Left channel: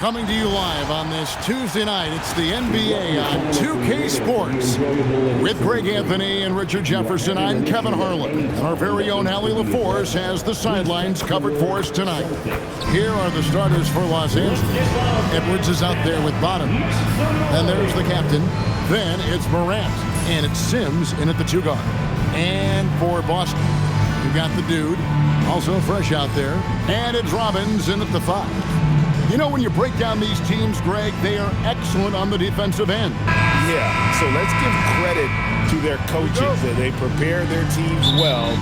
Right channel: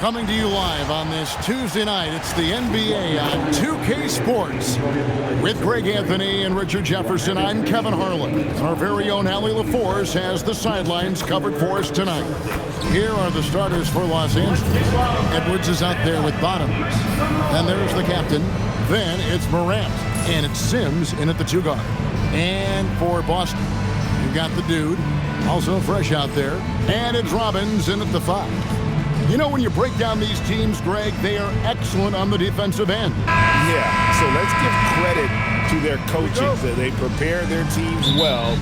Coming to you live on this Tuesday night, it's the NBA on 2K Sports. With Greg Anthony and Richard Jefferson, I'm Kevin Harlan. And our very own Allie LaForce has the sidelines covered for us tonight. Here are the starters for Los Angeles. Edwards is out there with Bottoms. Then there's the captain. Then it's Morant. And it's Sims in at the 2 guard. And for Boston, you've got the dude, also fresh out there. And it's Robbins in at the 5. You know, when you break down these teams, Greg, they are excellent on the defensive end. Yeah, so let's give credit to their coaches that they prepare their teams well.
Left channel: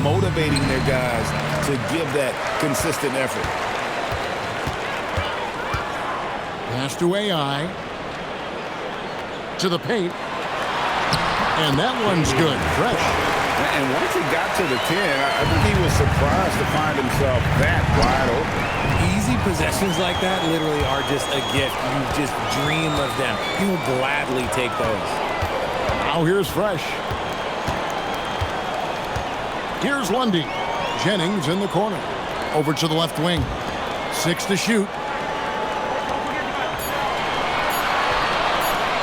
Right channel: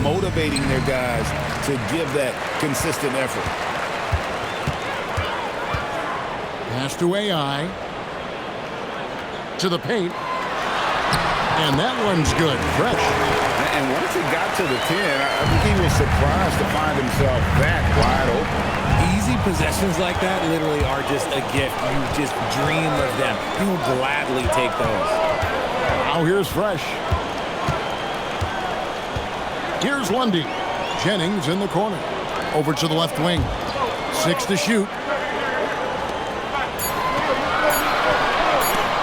Motivating their guys to give that consistent effort. Pass to AI. To the paint. And that one's good. Fresh. And once he got to the 10, I think he was surprised to find himself that wide open. Easy possessions like that literally are just a gift. You just dream of them. He will gladly take those. Now here's Fresh. Here's Lundy. Jennings in the corner. Over to the left wing. 6 to shoot.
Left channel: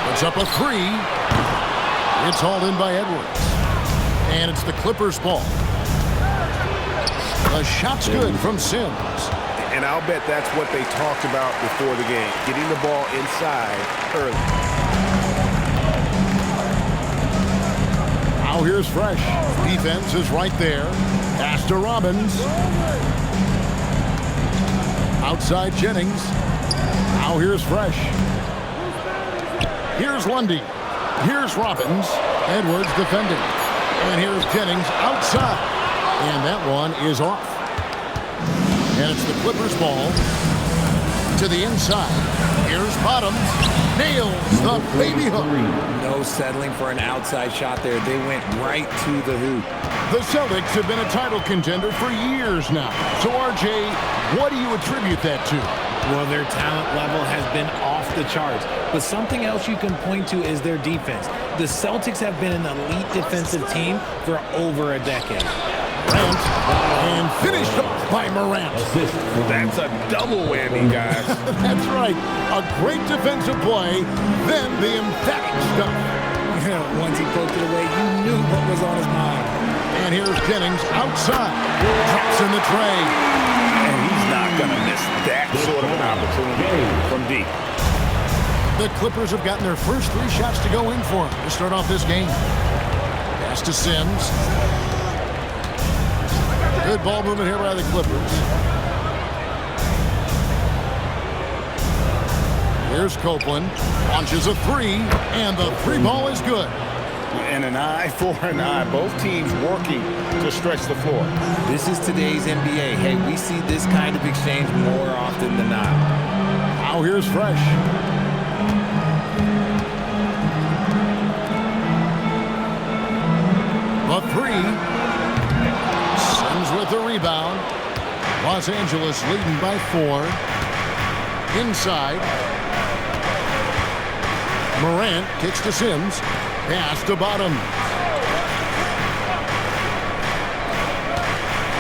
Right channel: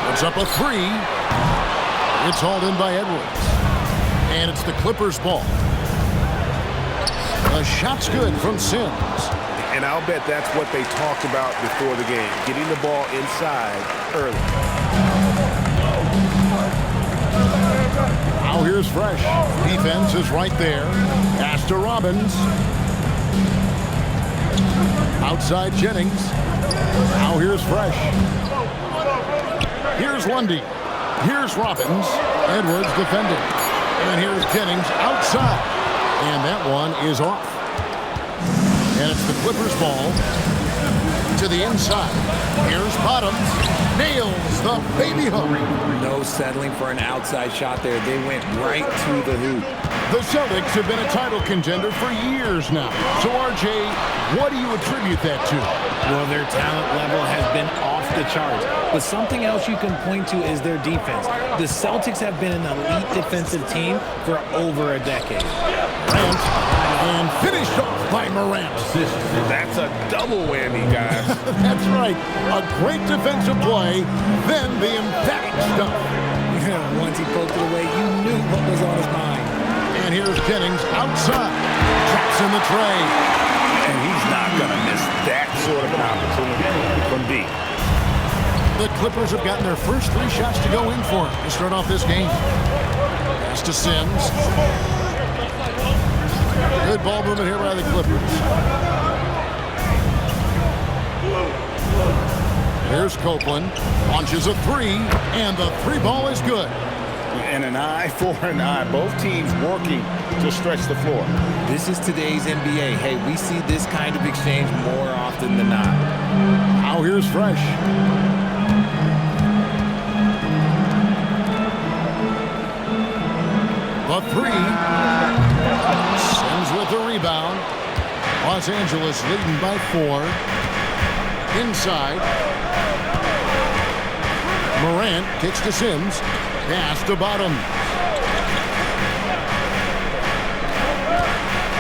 Puts up a 3. It's hauled in by Edwards. And it's the Clippers' ball. The shot's good from Sims. And I'll bet that's what they talked about before the game, getting the ball inside early. Now here's Fresh. Defense is right there. Pass to Robbins. Outside Jennings. Now here's Fresh. Here's Lundy. Here's Robbins. Edwards defending. And here's Jennings outside. And that one is off. And it's the Clippers' ball. To the inside. Here's Bottoms. Nails the baby hook. No settling for an outside shot there. They went right to the hoop. The Celtics have been a title contender for years now. So, RJ, what do you attribute that to? Well, their talent level has been off the charts. But something else you can point to is their defense. The Celtics have been an elite defensive team for over a decade. Morant, and finished off by Morant. That's a double whammy, guys. That's right. A great defensive play, then the emphatic stuff. Yeah, once he poked it away, you knew what was on his mind. And here's Jennings outside. Traps in the tray. And he's not going to miss that sort of an opportunity from deep. The Clippers have gotten their first 3 shots to go in for him to start off this game. Pass to Sims. Good ball movement here by the Clippers. Here's Copeland. Launches a 3, and the 3 ball is good. And an eye for an eye. Both teams working to stretch the floor. This is today's NBA. Hey, we see this kind of exchange more often than not. Now here's Fresh. The 3. Sims with the rebound. Los Angeles leading by 4. Inside. Morant kicks to Sims. Pass to Bottoms.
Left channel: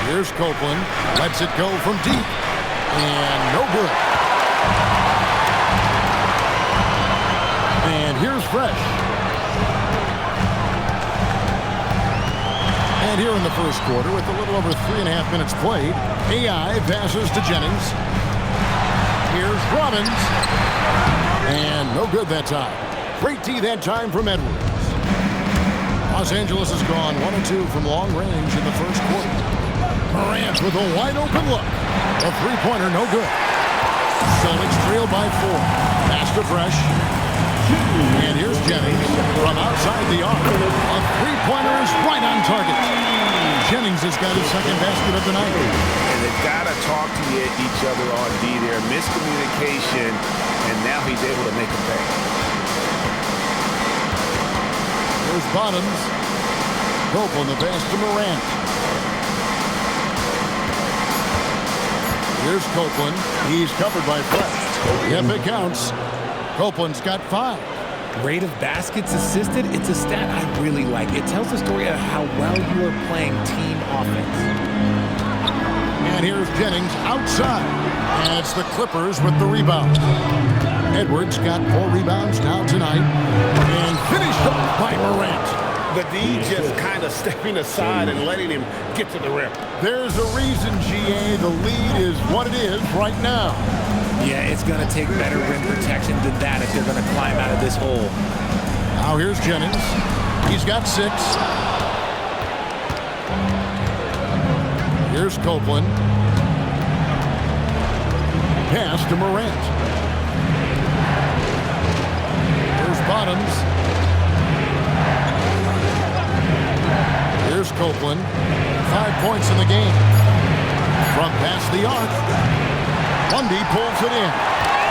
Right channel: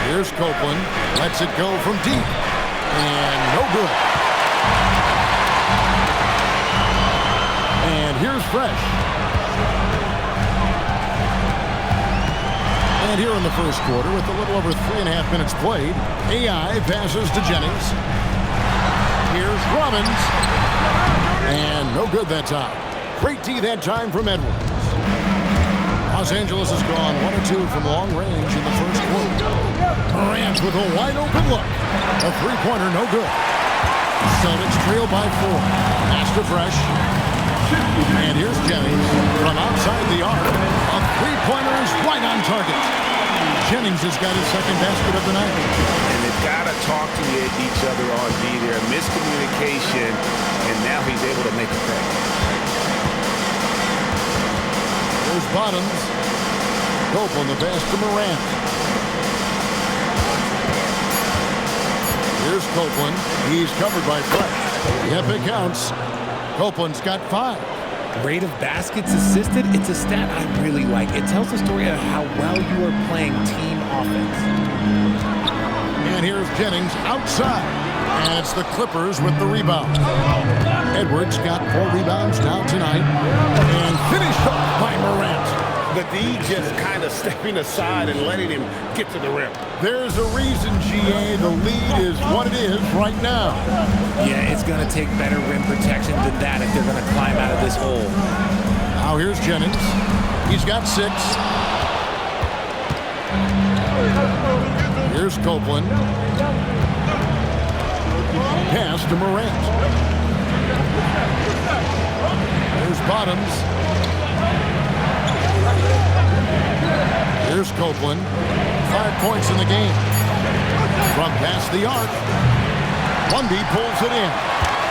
Here's Copeland. Lets it go from deep. And no good. And here's Fresh. And here in the first quarter, with a little over 3.5 minutes played, AI passes to Jennings. Here's Robbins. And no good that time. Great D that time from Edwards. Los Angeles has gone 1 of 2 from long range in the first quarter. Morant with a wide open look. The 3-pointer no good. Celtics trail by 4. Pass to Fresh. And here's Jennings from outside the arc. A 3-pointer is right on target. Jennings has got his second basket of the night. And they've got to talk to each other on D there. Miscommunication, and now he's able to make a pay. Here's Bottoms. Copeland, the pass to Morant. Here's Copeland. He's covered by Fresh. Yep, it counts. Copeland's got 5. Rate of baskets assisted, it's a stat I really like. It tells the story of how well you are playing team offense. And here's Jennings outside. And it's the Clippers with the rebound. Edwards got 4 rebounds now tonight. And finished off by Morant. The D just kind of stepping aside and letting him get to the rim. There's a reason, GA. The lead is what it is right now. Yeah, it's going to take better rim protection than that if they're going to climb out of this hole. Now here's Jennings. He's got 6. Here's Copeland. Pass to Morant. Here's Bottoms. Here's Copeland. 5 points in the game. From past the arc. Lundy pulls it in.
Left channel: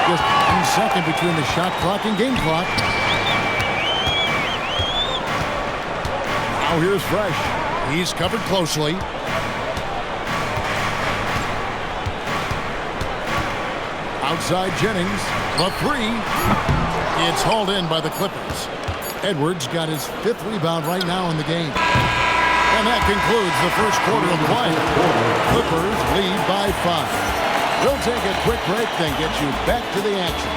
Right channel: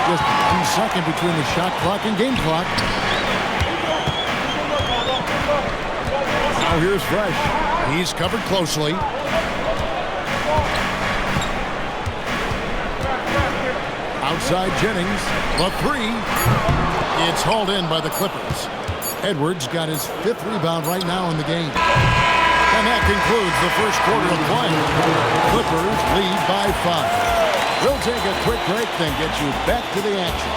Just 1 second between the shot clock and game clock. Now here's Fresh. He's covered closely. Outside Jennings. The 3. It's hauled in by the Clippers. Edwards got his 5th rebound right now in the game. And that concludes the first quarter of play. Clippers lead by 5. We'll take a quick break, then get you back to the action.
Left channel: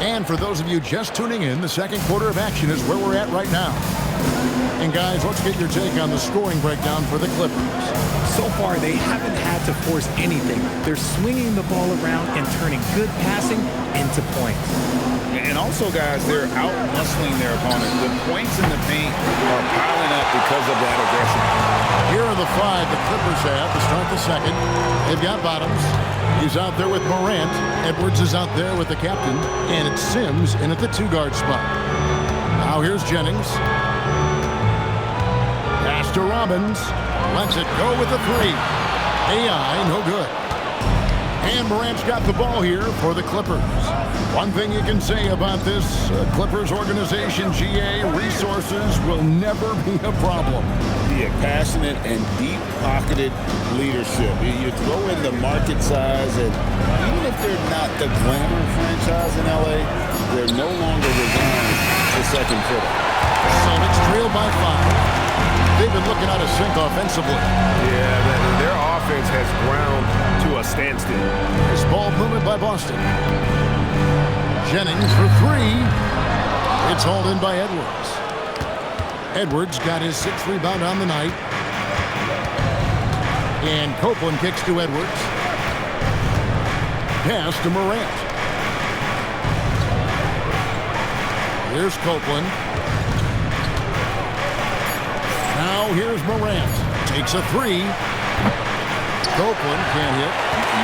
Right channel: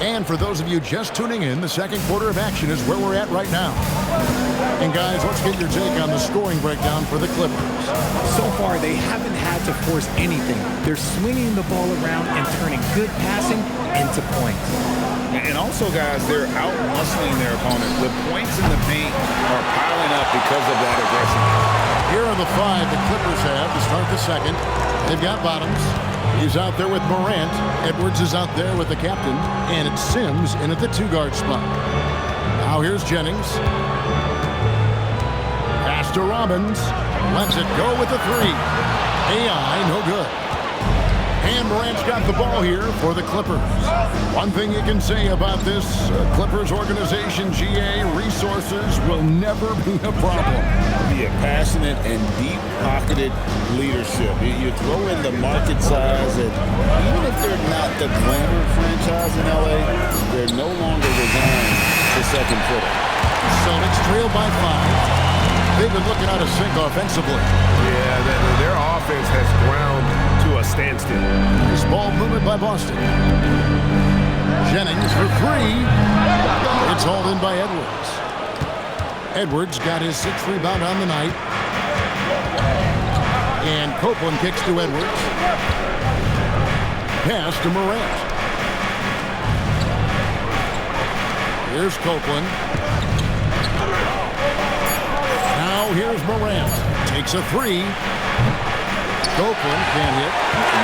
And for those of you just tuning in, the second quarter of action is where we're at right now. And guys, let's get your take on the scoring breakdown for the Clippers. So far, they haven't had to force anything. They're swinging the ball around and turning good passing into points. And also, guys, they're out-muscling their opponent. The points in the paint are piling up because of that aggressiveness. Here are the 5 the Clippers have to start the second. They've got Bottoms. He's out there with Morant. Edwards is out there with the captain. And it's Sims in at the 2-guard spot. Now here's Jennings. Pass to Robbins. Lets it go with the 3. AI, no good. And Morant's got the ball here for the Clippers. One thing you can say about this Clippers organization, GA, resources will never be a problem. Be a passionate and deep-pocketed leadership. You throw in the market size, and even if they're not the glamour franchise in LA, they're no longer resigned to second fiddle. Celtics trail by 5. They've been looking out of sync offensively. Yeah, their offense has ground to a standstill. This ball movement by Boston. Jennings for 3. It's hauled in by Edwards. Edwards got his 6th rebound on the night. And Copeland kicks to Edwards. Pass to Morant. Here's Copeland. Now here's Morant. Takes a 3. Copeland can't hit.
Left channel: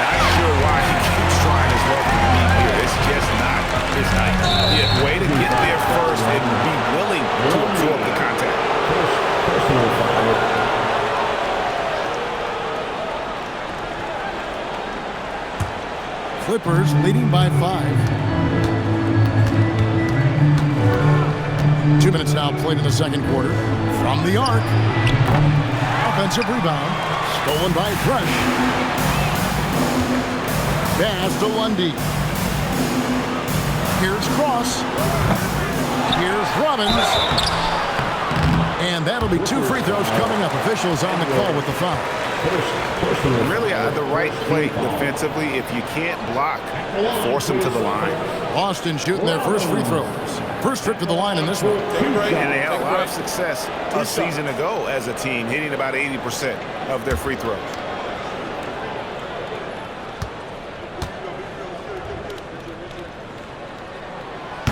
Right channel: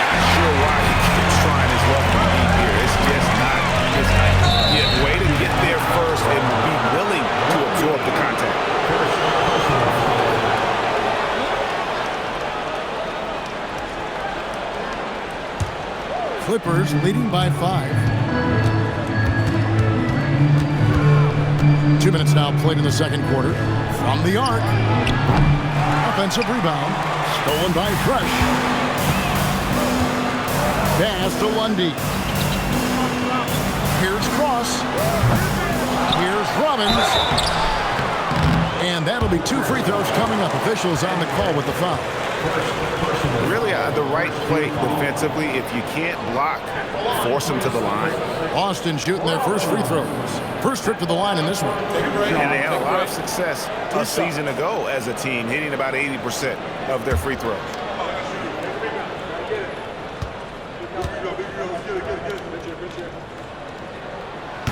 Not sure why he keeps trying his luck from deep here. It's just not his night. Yeah, way to get there first and be willing to absorb the contact. Clippers leading by 5. 2 minutes now played in the second quarter. From the arc. Offensive rebound. Stolen by Fresh. Pass to Lundy. Here's Cross. Here's Robbins. And that'll be 2 free throws coming up. Officials on the call with the foul. Really the right play defensively. If you can't block, force them to the line. Boston shooting their first free throws. First trip to the line in this one. And they had a lot of success a season ago as a team, hitting about 80% of their free throws.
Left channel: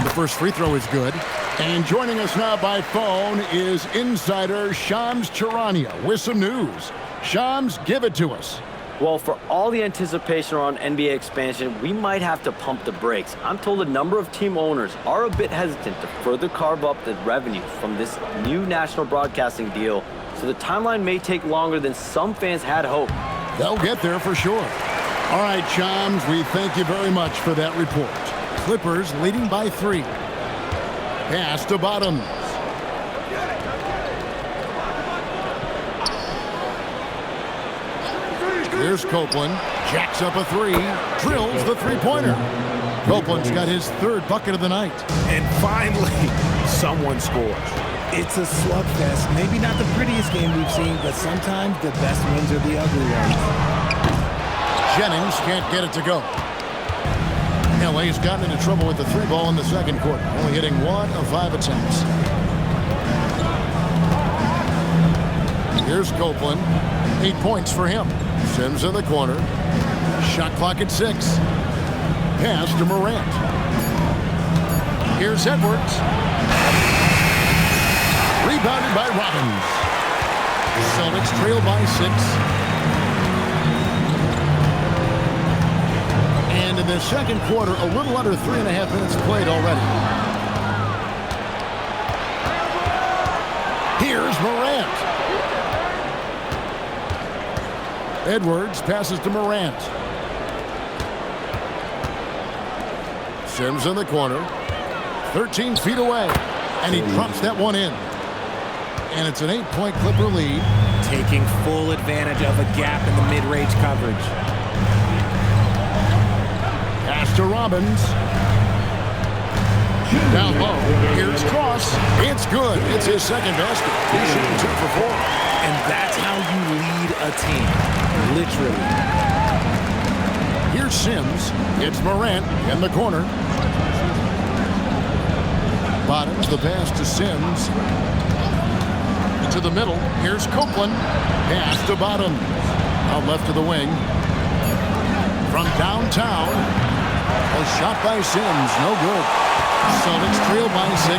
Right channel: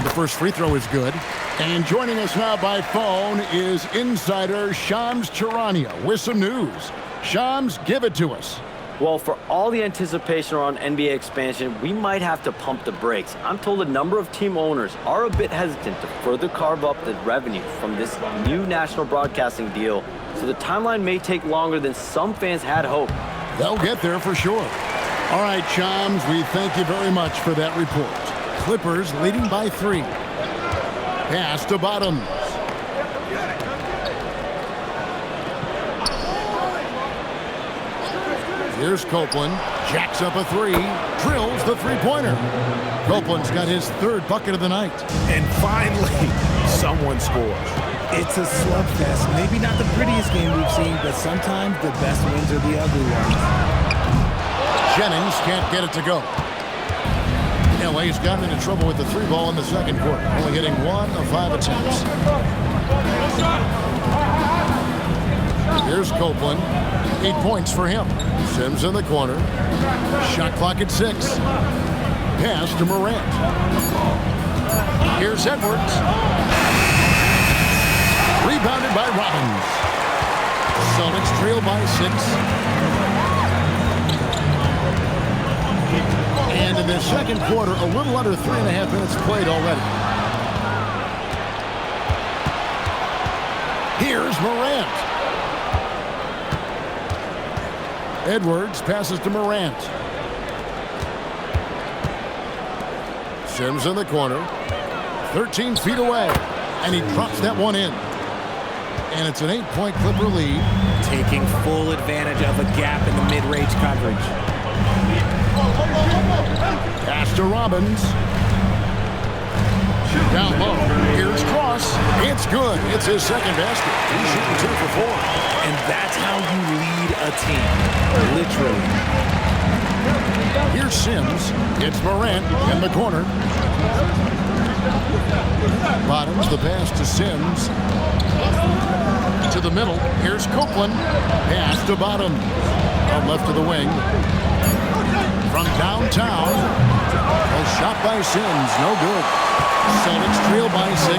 The first free throw is good. And joining us now by phone is insider Shams Charania with some news. Shams, give it to us. Well, for all the anticipation around NBA expansion, we might have to pump the brakes. I'm told a number of team owners are a bit hesitant to further carve up the revenue from this new national broadcasting deal, so the timeline may take longer than some fans had hoped. They'll get there for sure. All right, Shams, we thank you very much for that report. Clippers leading by 3. Pass to Bottoms. Here's Copeland. Jacks up a 3. Drills the three-pointer. Copeland's got his 3rd bucket of the night. And finally, someone scores. It's a slugfest. Maybe not the prettiest game we've seen, but sometimes the best wins are the ugly ones. Jennings can't get it to go. LA's gotten into trouble with the 3 ball in the second quarter, only hitting 1 of 5 attempts. Here's Copeland. 8 points for him. Sims in the corner. Shot clock at 6. Pass to Morant. Here's Edwards. Rebounded by Robbins. Celtics trail by 6. And in the second quarter, a little under 3.5 minutes played already. Here's Morant. Edwards passes to Morant. Sims in the corner. 13 feet away. And he drops that one in. And it's an 8-point Clipper lead. Taking full advantage of a gap in the mid-range coverage. Pass to Robbins. Down low. Here's Cross. It's good. It's his second basket. He's shooting 2 for 4. And that's how you lead a team. Literally. Here's Sims. It's Morant in the corner. Bottoms the pass to Sims. To the middle. Here's Copeland. Pass to Bottoms. Out left of the wing. From downtown. A shot by Sims. No good. Celtics trail by 6.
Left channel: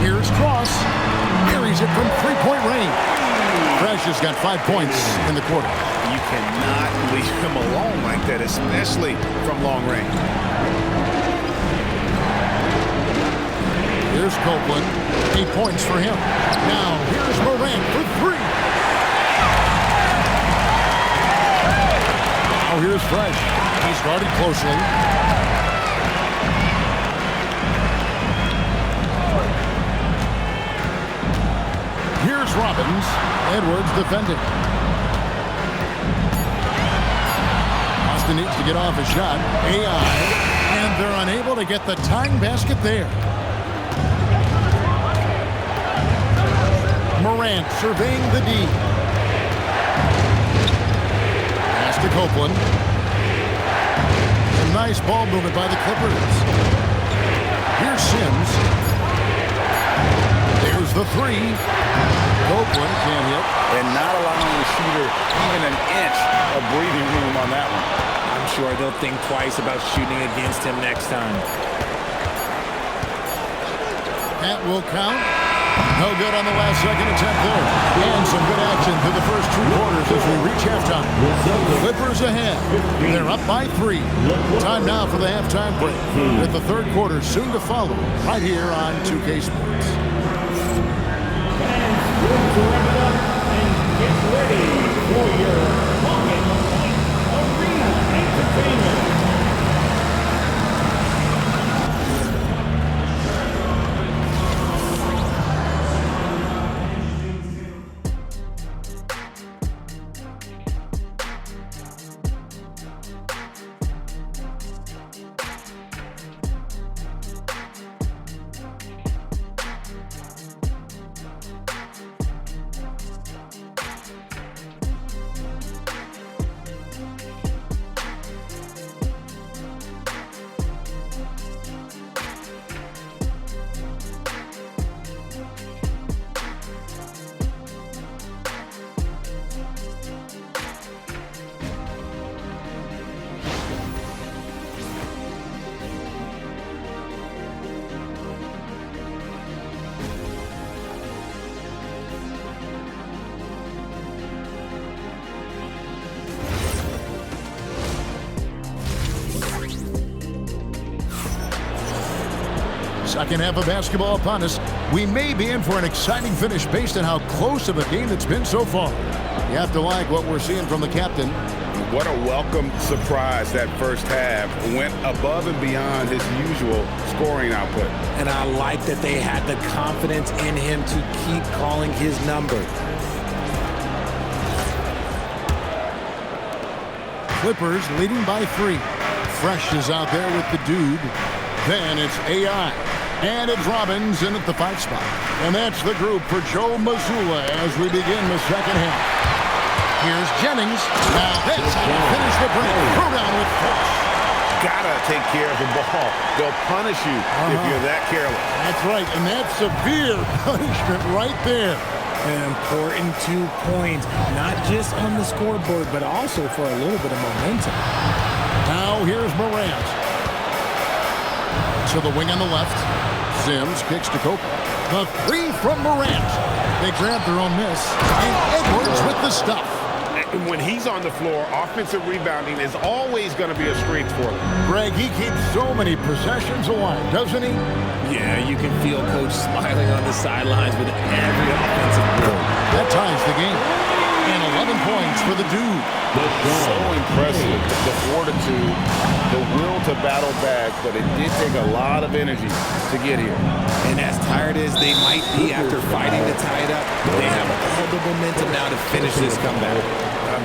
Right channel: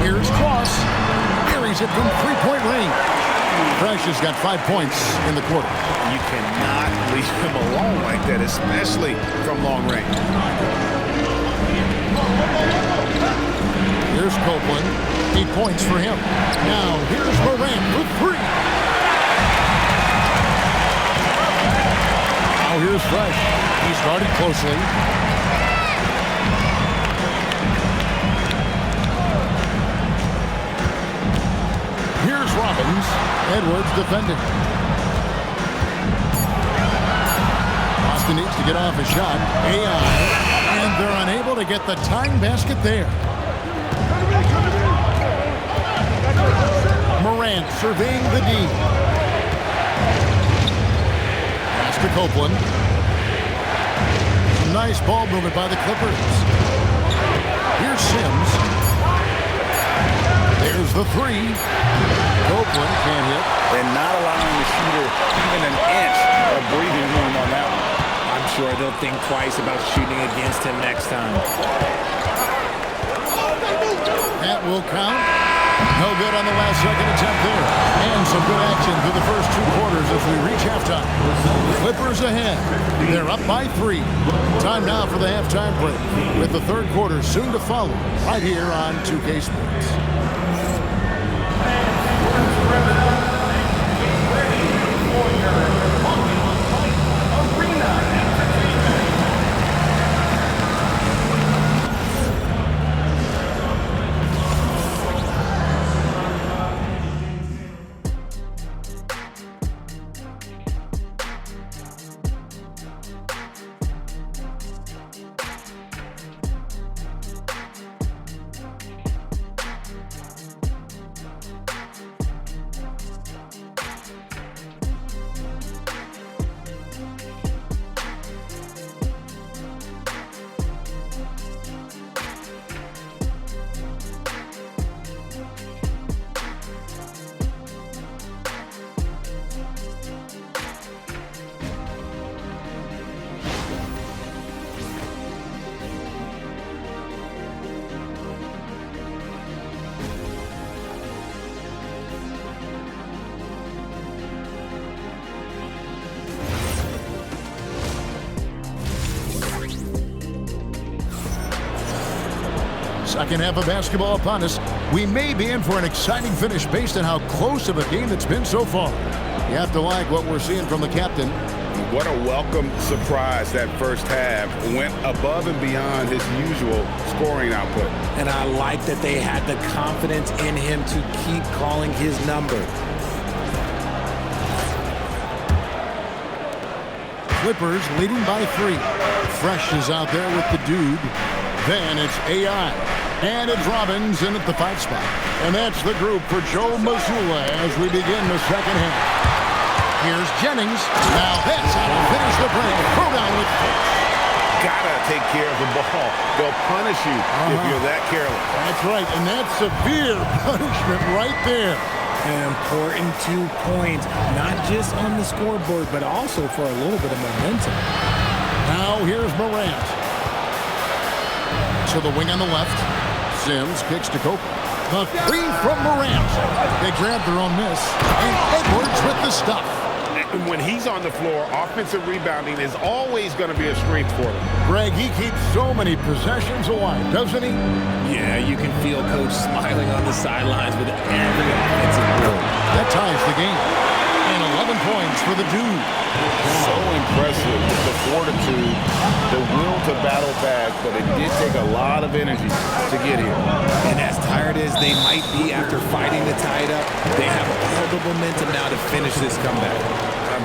Here's Cross. Carries it from 3-point range. Fresh has got 5 points in the quarter. You cannot leave him alone like that, especially from long range. Here's Copeland. 8 points for him. Now here's Morant for 3. Now here's Fresh. He's guarded closely. Here's Robbins. Edwards defending. Austin needs to get off a shot. AI. And they're unable to get the tying basket there. Morant surveying the D. Pass to Copeland. Some nice ball movement by the Clippers. Here's Sims. There's the 3. Copeland can't hit. And not allowing the shooter even an inch of breathing room on that one. I'm sure they'll think twice about shooting against him next time. That will count. No good on the last second attempt there. And some good action through the first 2 quarters as we reach halftime. Clippers ahead. They're up by 3. Time now for the halftime break, with the 3rd quarter soon to follow right here on 2K Sports. Second half of basketball upon us. We may be in for an exciting finish based on how close of a game it's been so far. You have to like what we're seeing from the captain. What a welcome surprise that first half. Went above and beyond his usual scoring output. And I like that they had the confidence in him to keep calling his number. Clippers leading by 3. Fresh is out there with the dude. Then it's AI. And it's Robbins in at the 5 spot. And that's the group for Joe Mazzulla as we begin the second half. Here's Jennings. Now that's how to finish the break. Throw down with force. Gotta take care of the ball. They'll punish you if you're that careless. That's right, and that's severe punishment right there. An important 2 points, not just on the scoreboard, but also for a little bit of momentum. Now here's Morant. To the wing on the left. Sims kicks to Copeland. The 3 from Morant. They grab their own miss. And Edwards with the stuff. When he's on the floor, offensive rebounding is always going to be a strength for them. Greg, he keeps so many possessions alive, doesn't he? Yeah, you can feel Coach smiling on the sidelines with every offensive board. That ties the game. And 11 points for the dude. So impressive. The fortitude, the will to battle back, but it did take a lot of energy to get here. And as tired as they might be after fighting to tie it up, they have all the momentum now to finish this comeback.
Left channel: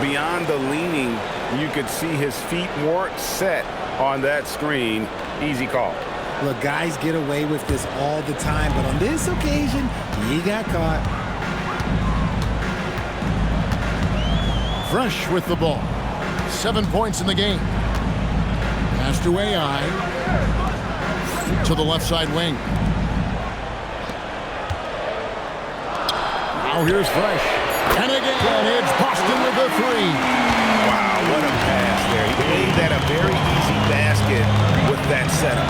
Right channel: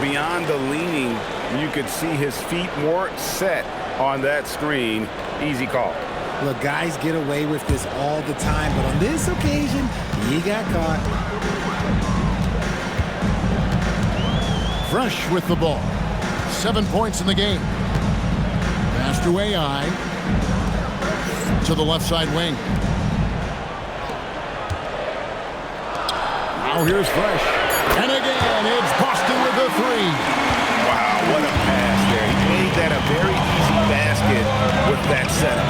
Beyond the leaning, you could see his feet weren't set on that screen. Easy call. Look, guys get away with this all the time, but on this occasion, he got caught. Fresh with the ball. 7 points in the game. Pass to AI. To the left side wing. Now here's Fresh. And again, it's Boston with a 3. Wow, what a pass there. He made that a very easy basket with that setup.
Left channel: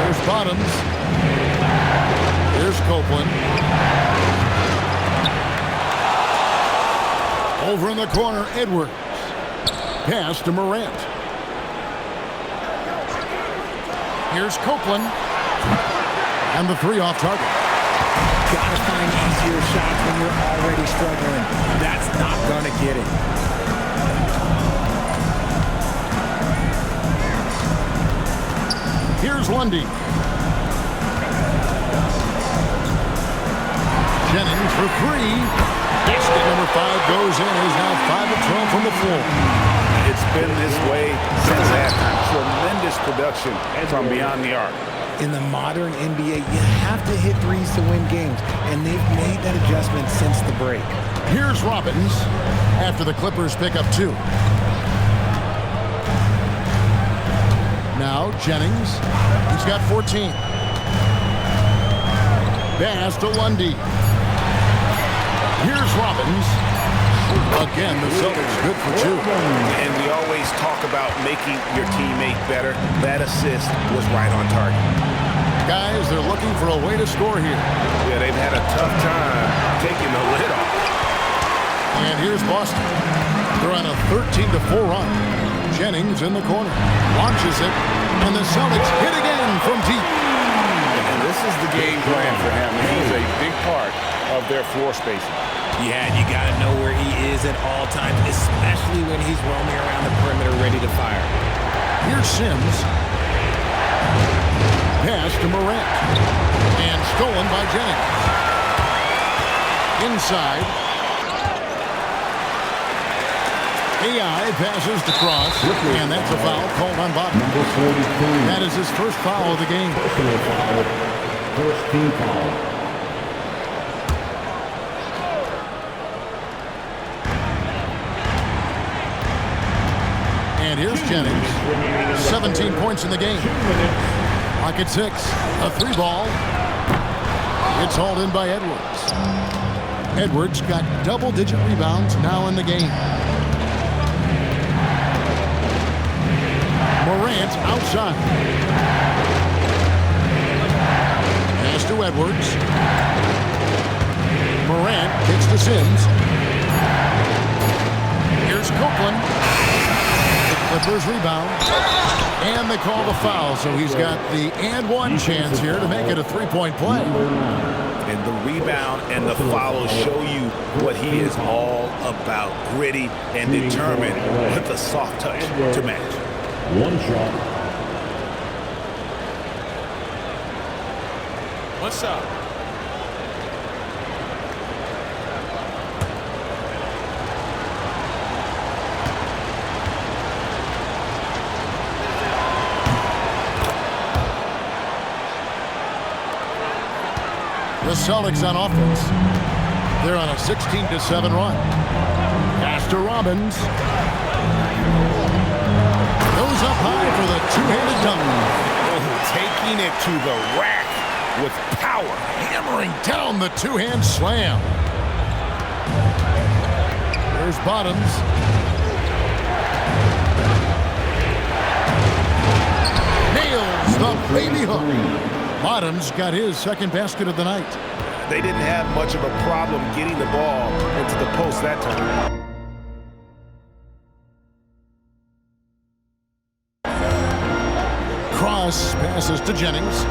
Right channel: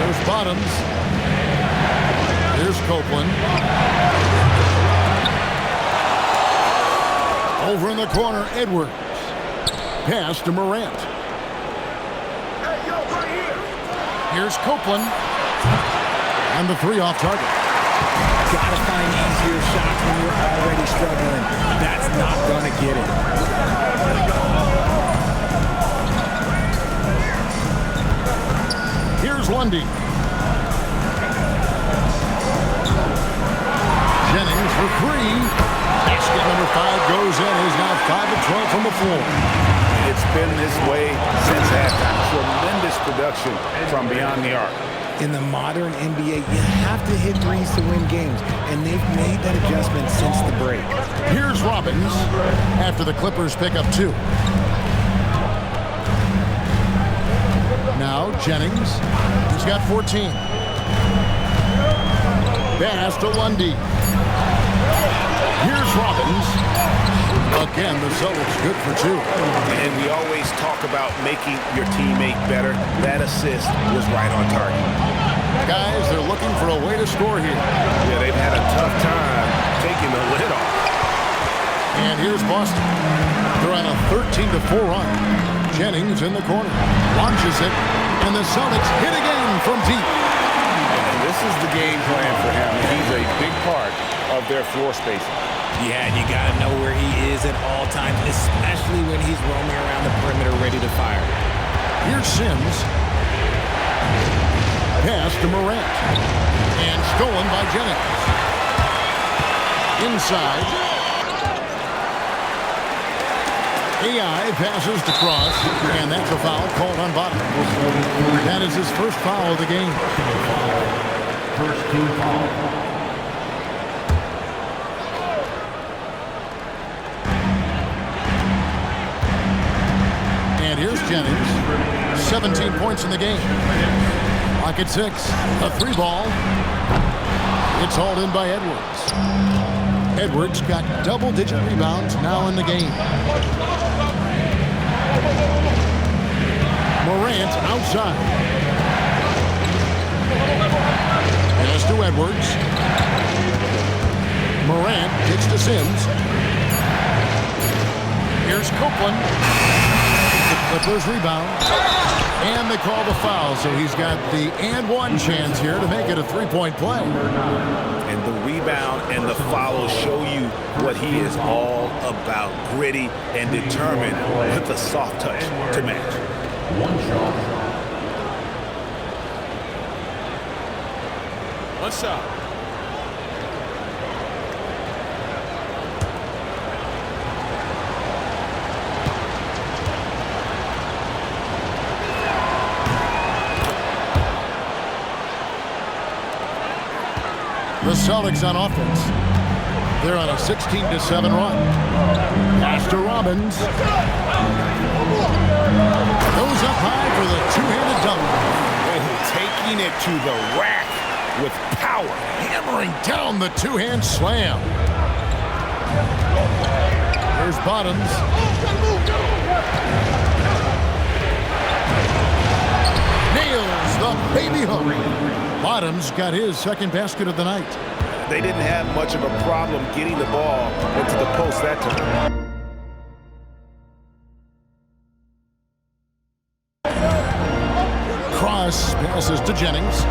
There's Bottoms. Here's Copeland. Over in the corner, Edwards. Pass to Morant. Here's Copeland. And the 3 off target. Gotta find easier shots when you're already struggling. That's not gonna get it. Here's Lundy. Jennings for 3. Basket number 5 goes in. He's now 5 of 12 from the floor. It's been this way since halftime. Tremendous production from beyond the arc. In the modern NBA, you have to hit threes to win games, and they've made that adjustment since the break. Here's Robbins after the Clippers pick up 2. Now Jennings. He's got 14. Pass to Lundy. Here's Robbins. Again, the Celtics good for 2. And we always talk about making your teammate better. That assist was right on target. Guys, they're looking for a way to score here. Yeah, they've had a tough time taking the lid off. And here's Boston. They're on a 13-4 run. Jennings in the corner. Launches it. And the Celtics hit again from deep. And this is the game plan for him. He's a big part of their floor spacing. Yeah, you got to know where he is at all times, especially when he's roaming around the perimeter ready to fire. Here's Sims. Pass to Morant. And stolen by Jennings. Inside. AI passes to Cross. And that's a foul called on Bottom. That is his first foul of the game. First team foul. And here's Jennings. 17 points in the game. Clock at 6. A 3 ball. It's hauled in by Edwards. Edwards got double-digit rebounds now in the game. Morant outside. Pass to Edwards. Morant kicks to Sims. Here's Copeland. The Clippers rebound. And they call the foul, so he's got the and one chance here to make it a three-point play. And the rebound and the follow show you what he is all about. Gritty and determined with a soft touch to match. One shot. What's up? The Celtics on offense. They're on a 16-7 run. Pass to Robbins. Goes up high for the two-handed dunk. Oh, taking it to the rack with power. Hammering down the two-hand slam. There's Bottoms. Nails the baby hook. Bottoms got his second basket of the night. They didn't have much of a problem getting the ball into the post that time. Cross passes to Jennings.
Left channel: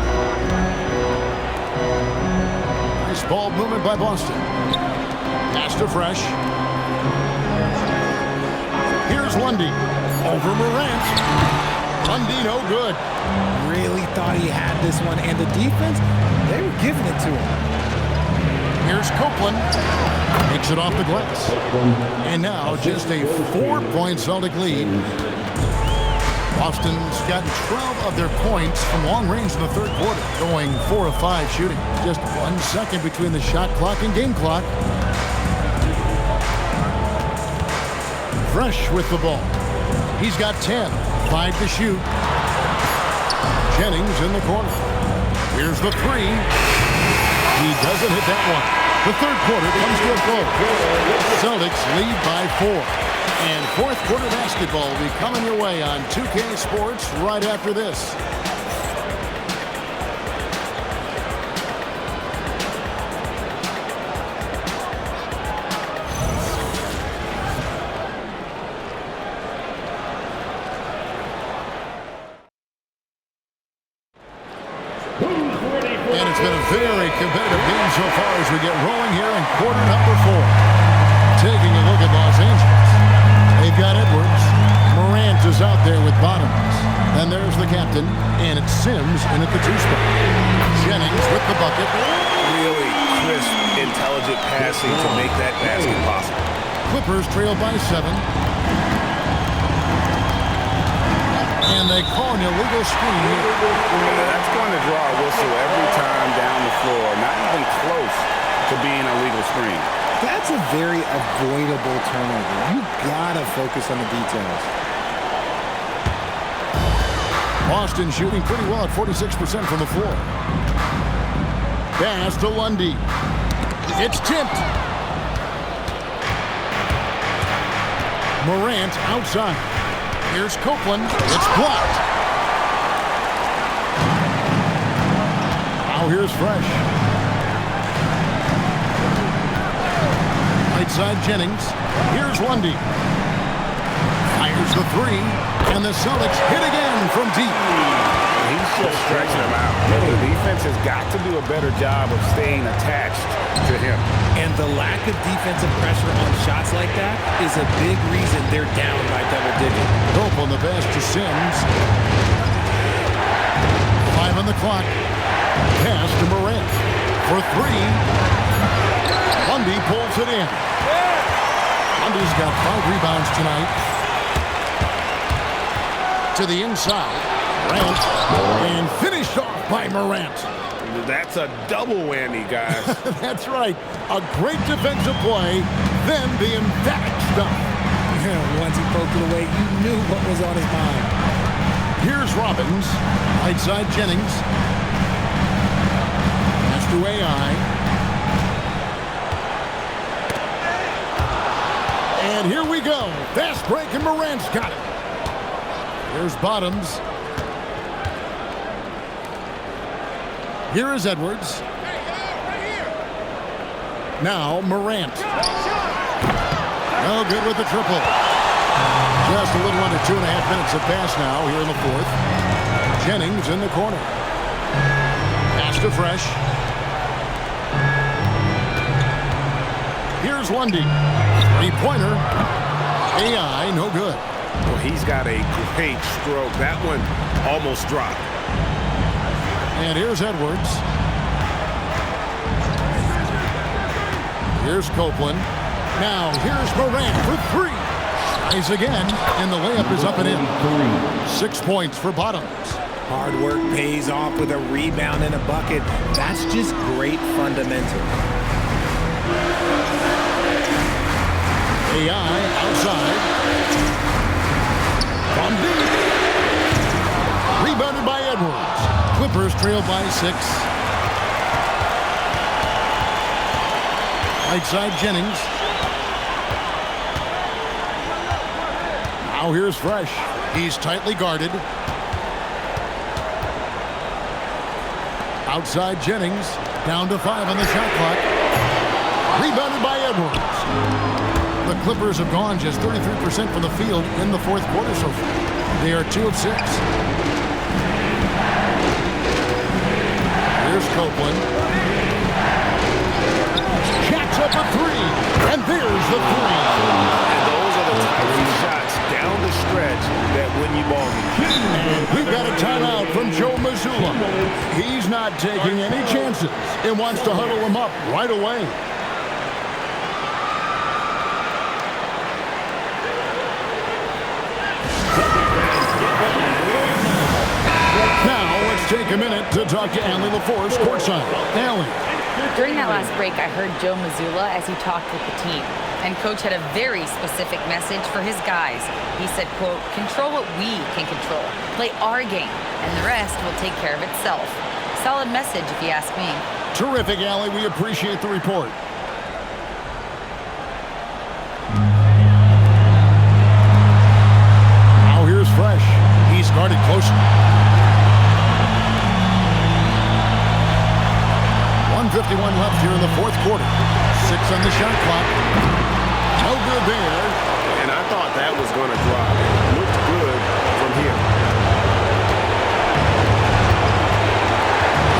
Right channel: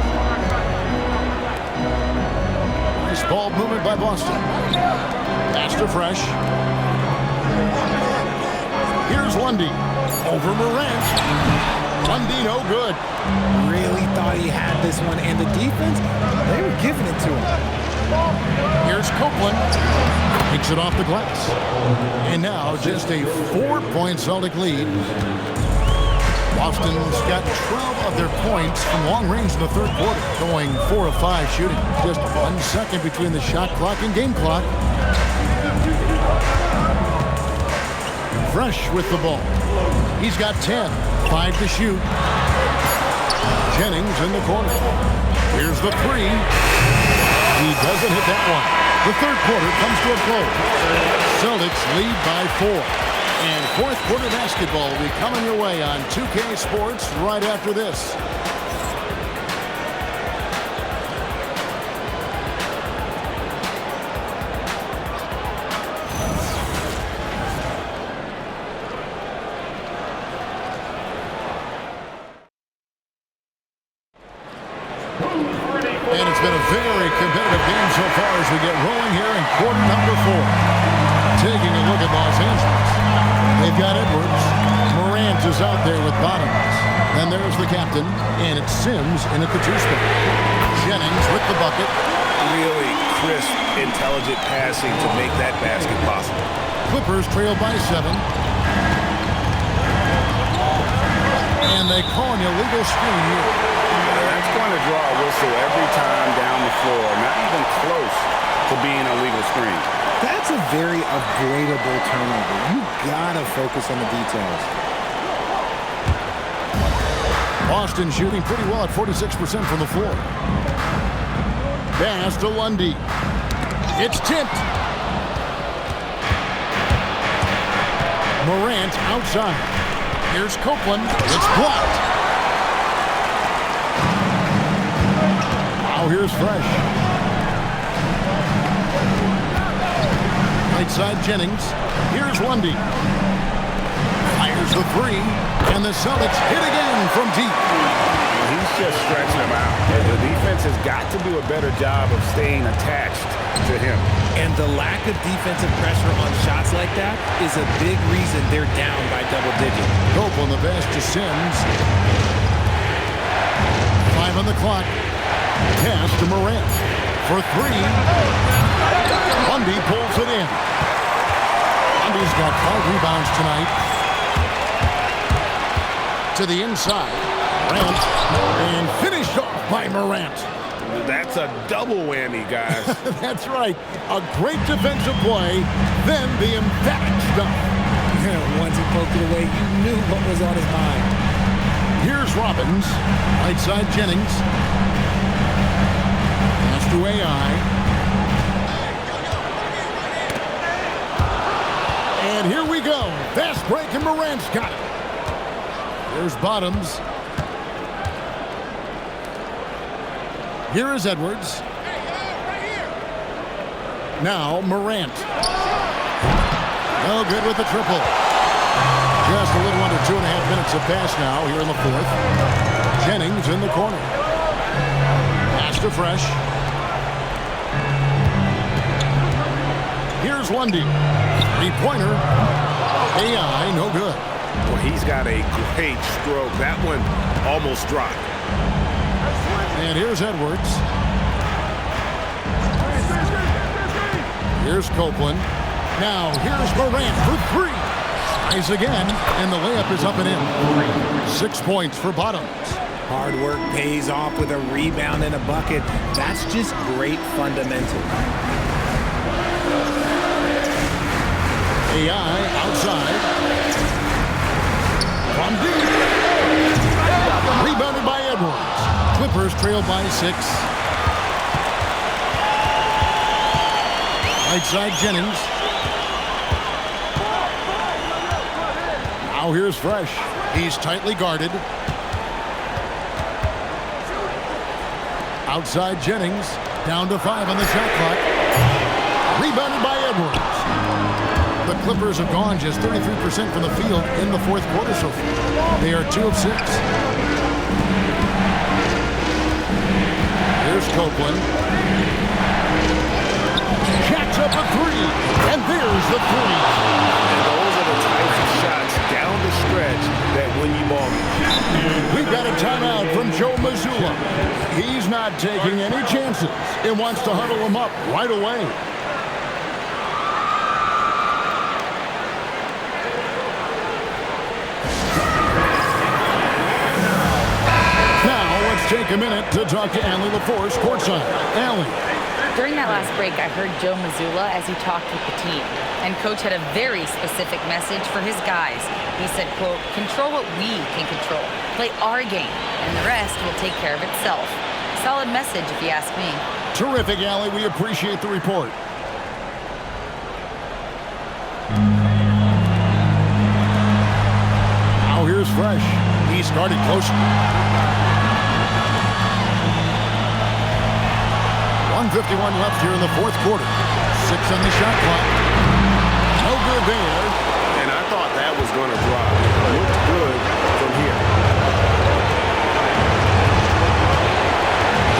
Nice ball movement by Boston. Pass to Fresh. Here's Lundy. Over Morant. Lundy no good. Really thought he had this one, and the defense, they were giving it to him. Here's Copeland. Takes it off the glass. And now just a 4-point Celtic lead. Boston's gotten 12 of their points from long range in the third quarter, going 4 of 5 shooting. Just 1 second between the shot clock and game clock. Fresh with the ball. He's got 10, 5 to shoot. Jennings in the corner. Here's the three. He doesn't hit that one. The third quarter comes to a close. Celtics lead by 4. And fourth quarter basketball will be coming your way on 2K Sports right after this. And it's been a very competitive game so far as we get rolling here in quarter number 4. Taking a look at Los Angeles. They've got Edwards. Morant is out there with Bottoms. Then there's the captain, and it's Sims in at the 2 spot. Jennings with the bucket. Really crisp, intelligent passing to make that basket possible. Clippers trail by 7. And they call an illegal screen here. That's going to draw a whistle every time down the floor. Not even close to being a legal screen. That's a very avoidable turnover. You gotta focus on the details. Boston shooting pretty well at 46% from the floor. Pass to Lundy. It's tipped. Morant outside. Here's Copeland. It's blocked. Now here's Fresh. Right side Jennings. Here's Lundy. Fires the three. And the Celtics hit again from deep. He's just stretching him out. The defense has got to do a better job of staying attached to him. And the lack of defensive pressure on shots like that is a big reason they're down by double digits. Dope on the pass to Sims. 5 on the clock. Pass to Morant. For 3. Lundy pulls it in. Lundy's got 5 rebounds tonight. To the inside. Morant. And finished off by Morant. That's a double whammy, guys. That's right. A great defensive play, then the emphatic stuff. Once he poked it away, you knew what was on his mind. Here's Robbins. Right side Jennings. Pass to AI. And here we go. Fast break, and Morant's got it. Here's Bottoms. Here is Edwards. Now Morant. No good with the triple. Just a little under 2.5 minutes have passed now here in the fourth. Jennings in the corner. Pass to Fresh. Here's Lundy. Three-pointer. AI, no good. Well, he's got a great stroke. That one almost dropped. And here's Edwards. Here's Copeland. Now here's Morant for three. Tries again, and the layup is up and in. 6 points for Bottoms. Hard work pays off with a rebound and a bucket. That's just great fundamentals. AI outside. From deep. Rebounded by Edwards. Clippers trail by 6. Right side Jennings. Now here's Fresh. He's tightly guarded. Outside Jennings. Down to 5 on the shot clock. Rebounded by Edwards. The Clippers have gone just 33% from the field in the fourth quarter so far. They are 2 of 6. Here's Copeland. Jacks up a 3. And there's the 3. And those are the types of shots down the stretch that win you ball games. And we've got a timeout from Joe Mazzulla. He's not taking any chances and wants to huddle them up right away. Take a minute to talk to Allie LaForce courtside. Allie. During that last break, I heard Joe Mazzulla as he talked with the team. And Coach had a very specific message for his guys. He said, quote, control what we can control. Play our game, and the rest will take care of itself. Solid message, if you ask me. Terrific, Allie. We appreciate the report. Now here's Fresh. He's guarded closely. 1:51 left here in the fourth quarter. 6 on the shot clock. No good there. And I thought that was going to drop. It looked good from here.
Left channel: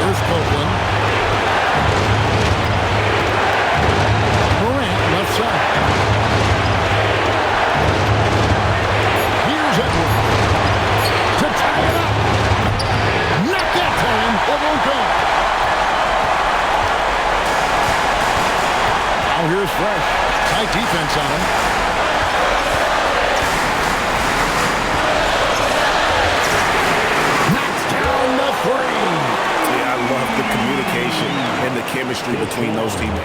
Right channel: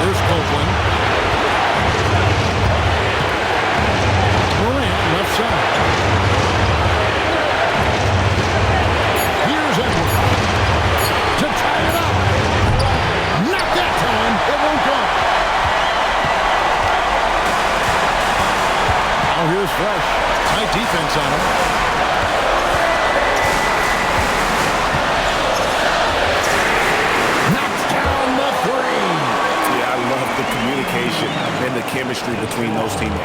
Here's Copeland. Morant left side. Here's Edwards. To tie it up. Not that time. It won't go. Now here's Fresh. Tight defense on him. Knocks down the 3. Yeah, I love the communication and the chemistry between those teammates.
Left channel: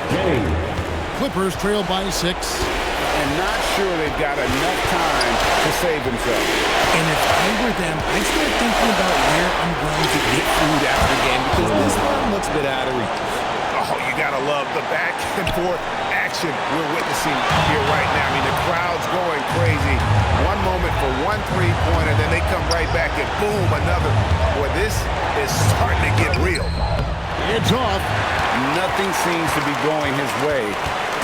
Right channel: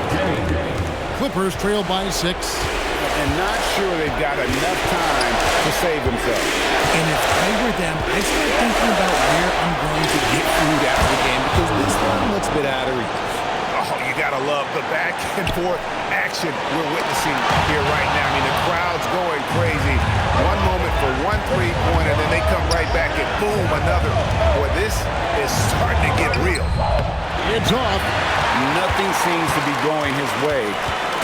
Clippers trail by 6. And not sure they've got enough time to save themselves. And if I were them, I'd start thinking about where I'm going to get food after the game because this one looks a bit out of reach. Oh, you got to love the back and forth action we're witnessing here right now. I mean, the crowd's going crazy. One moment for one three-pointer, then they come right back and boom, another. Boy, this is starting to get real. It's off. Nothing seems to be going his way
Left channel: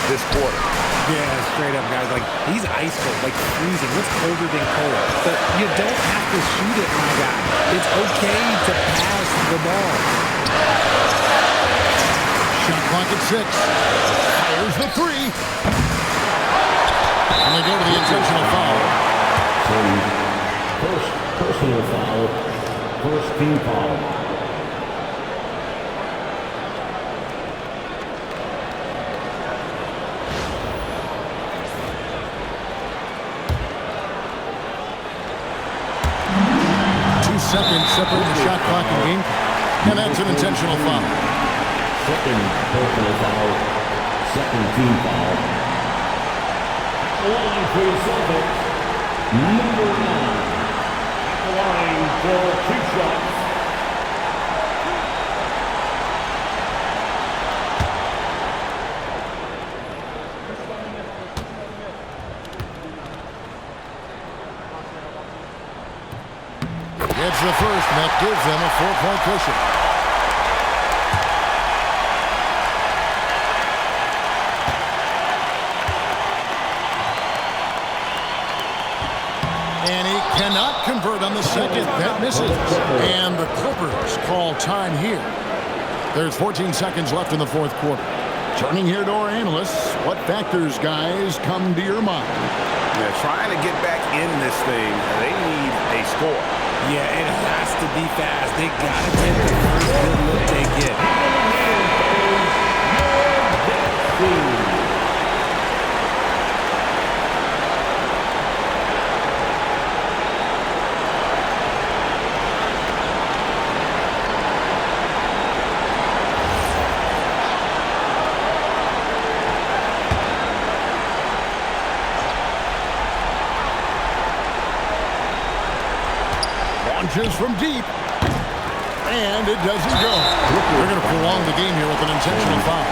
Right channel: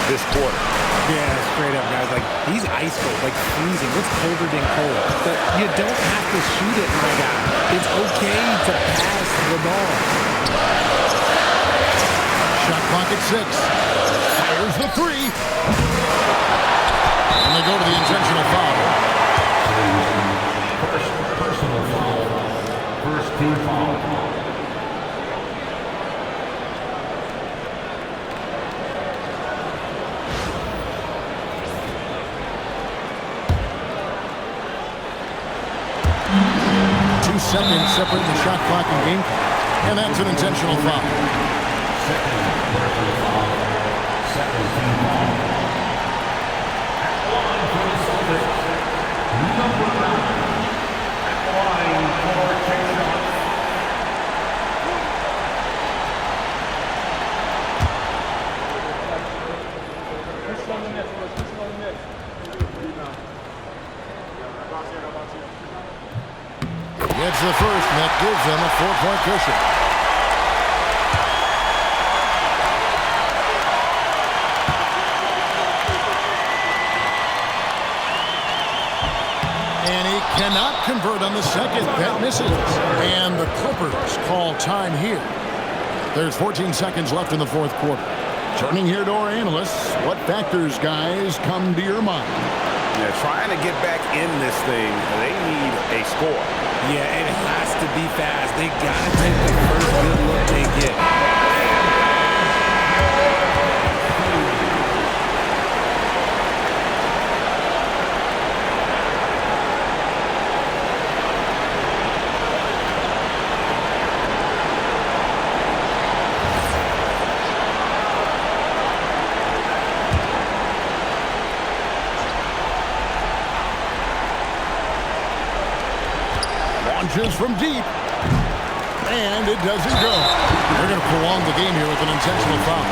this quarter. Yeah, straight up, guys. Like, he's ice cold, like freezing. What's colder than cold? But you don't have to shoot it, my guy. It's okay to pass the ball. Shot clock at 6. Fires the 3. And they go to the intentional foul. First personal foul. First team foul. Seconds separating the shot clock and game clock. And that's an intentional foul. Second personal foul. Second team foul. At the line for the Celtics, number 9. At the line for 2 shots. Gets the first, and that gives them a 4-point cushion. And he cannot convert on the second. That misses. And the Clippers call time here. There's 14 seconds left in the fourth quarter. Turning here to our analysts, what factors, guys, come to your mind? Yeah, trying to get back in this thing, they need a score. Yeah, it has to be fast. They got to take the first good look they get. Launches from deep. And it doesn't go. They're going to prolong the game here with an intentional foul.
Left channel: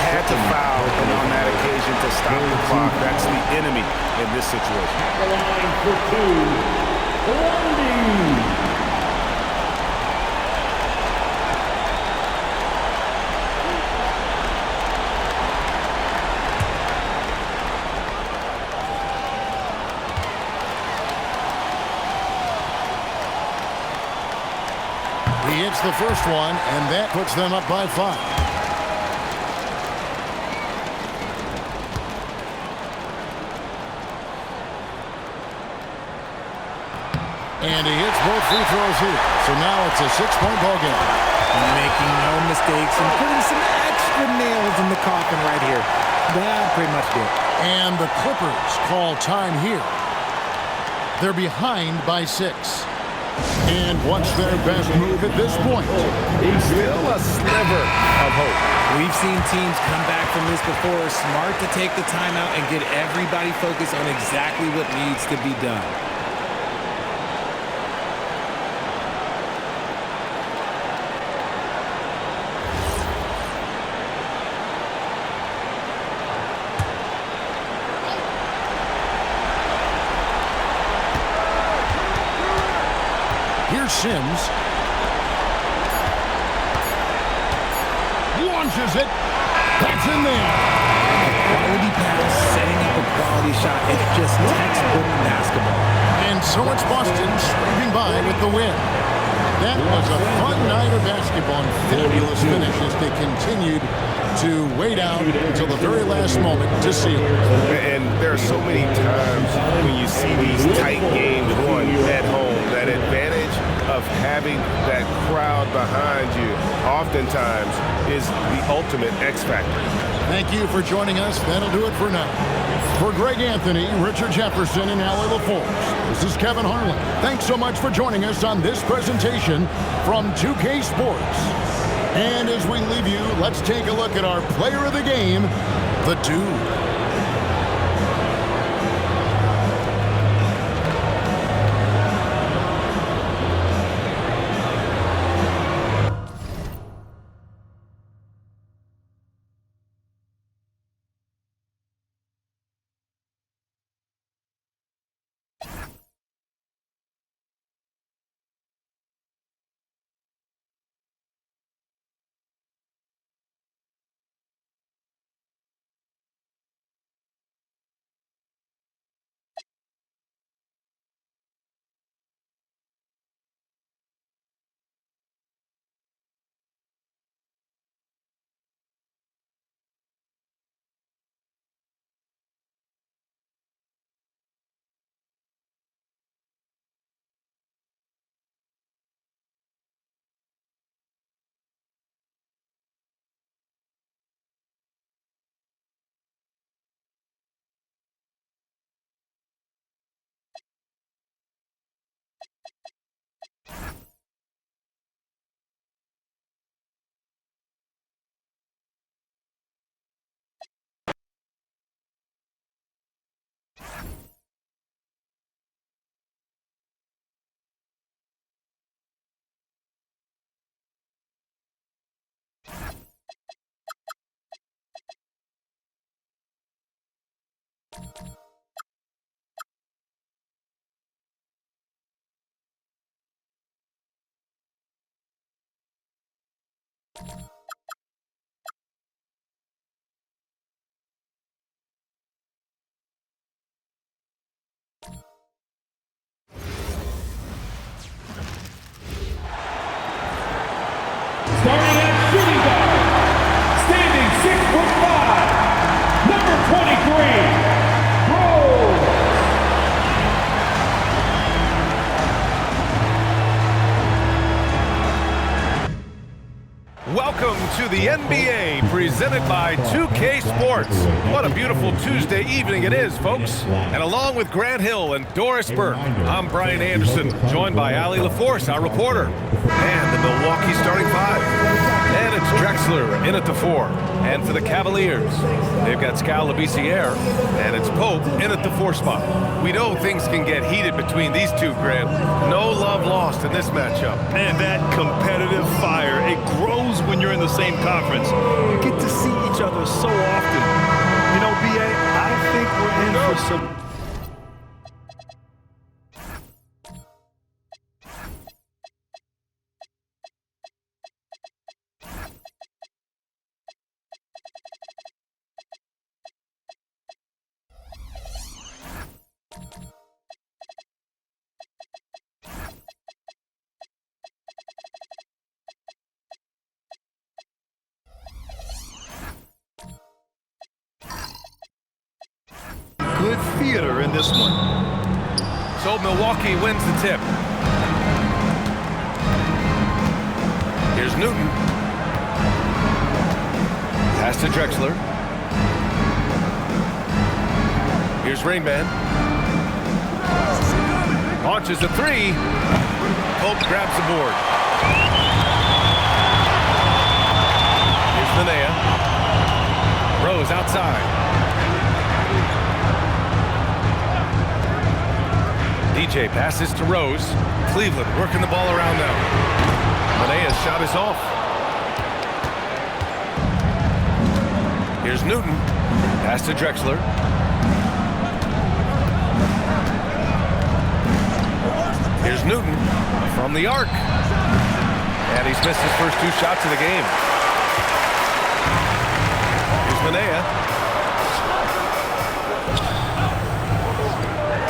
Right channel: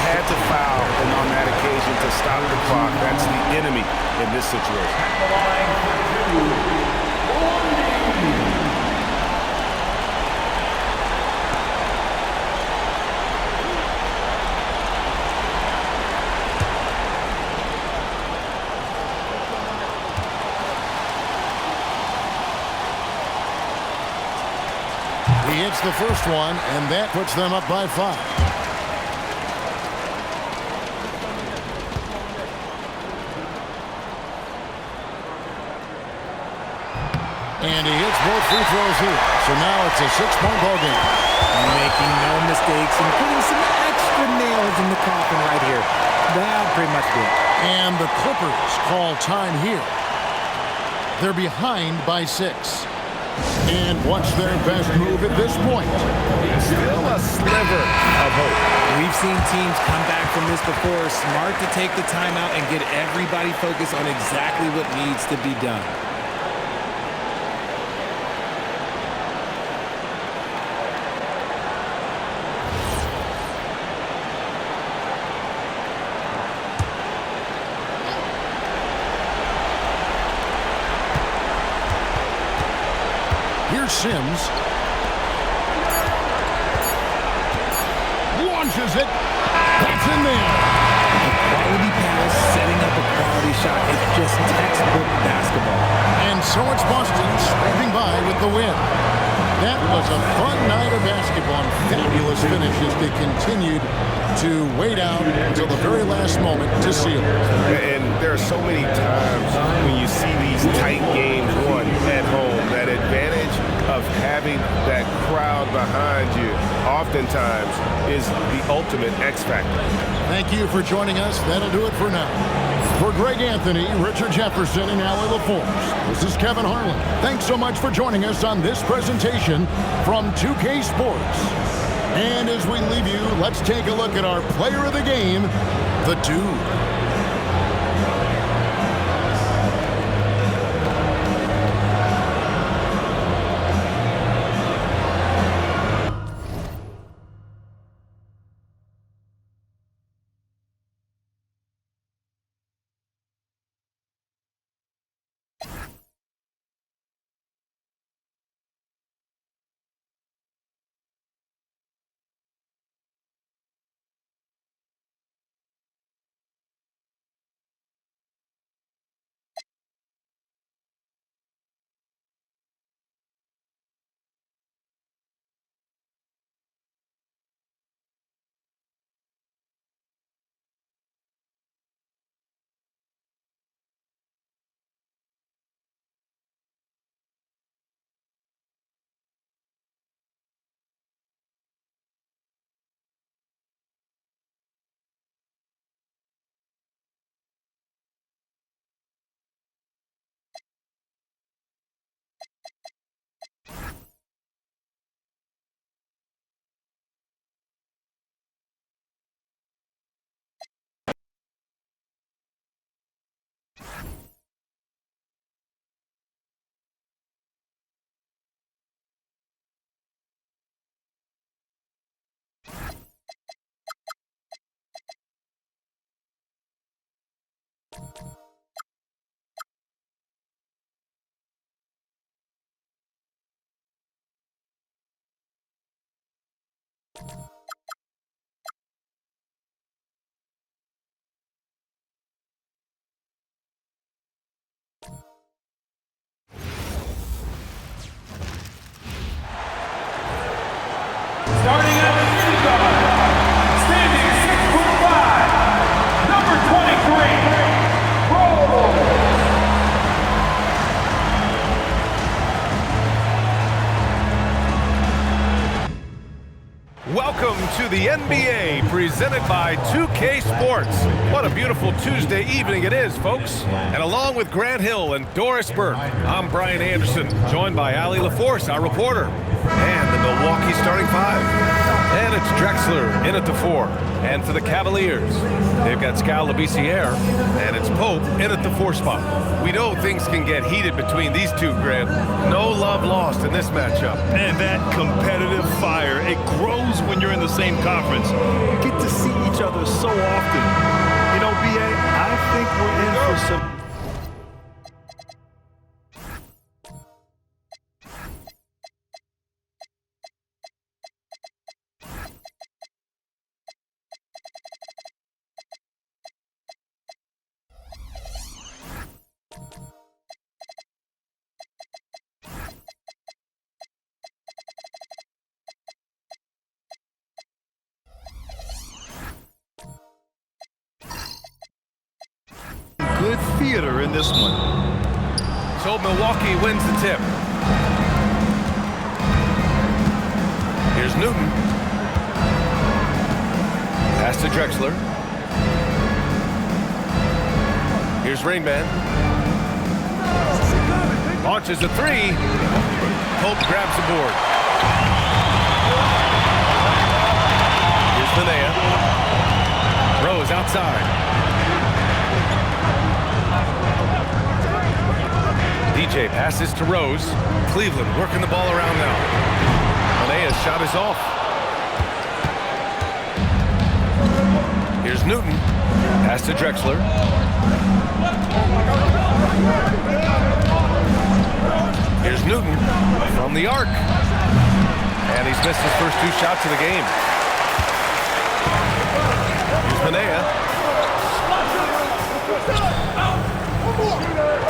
Had to foul on that occasion to stop the clock. That's the enemy in this situation. At the line for two, Lundy. He hits the first one, and that puts them up by 5. And he hits both free throws here. So now it's a 6-point ball game. Making no mistakes and putting some extra nails in the coffin right here. That pretty much did. And the Clippers call time here. They're behind by 6. And what's their best move at this point? Still a sliver of hope. We've seen teams come back from this before. Smart to take the timeout and get everybody focused on exactly what needs to be done. Here's Sims. Launches it. That's in there. A quality pass, setting up a quality shot. It's just textbook basketball. And so it's Boston scraping by with the win. That was a fun night of basketball and fabulous finish as they continued to wait out until the very last moment to seal it. And there are so many times when you see these tight games won at home, that advantage of having that crowd behind you oftentimes is the ultimate X factor. Thank you for joining us. That'll do it for now. For Greg Anthony, Richard Jefferson, and Allie LaForce, this is Kevin Harlan. Thanks so much for joining us on this presentation from 2K Sports. And as we leave you, let's take a look at our player of the game, the Dude. Welcome to the NBA, presented by 2K Sports. What a beautiful Tuesday evening it is, folks. And along with Grant Hill and Doris Burke, I'm Brian Anderson, joined by Allie LaForce, our reporter, and the Milwaukee starting five. And it's Drexler in at the 4. And for the Cavaliers, they've got Skal Labissiere, and it's Pope in at the 4 spot. We know things can get heated between these two, Grant. No love lost in this matchup. And that competitive fire, it grows when you're in the same conference. You get to see each other so often. You know, BA, I think we're in for some... good theater in this one. So Milwaukee wins the tip. Here's Newton. Pass to Drexler. Here's Rainman. Launches a 3. Pope grabs the board. Here's Minaya. Rose outside. DJ passes to Rose. Cleveland working the ball around now. Manea's shot is off. Here's Newton. Pass to Drexler. Here's Newton from the arc. And he's missed his first 2 shots of the game. Here's Minaya.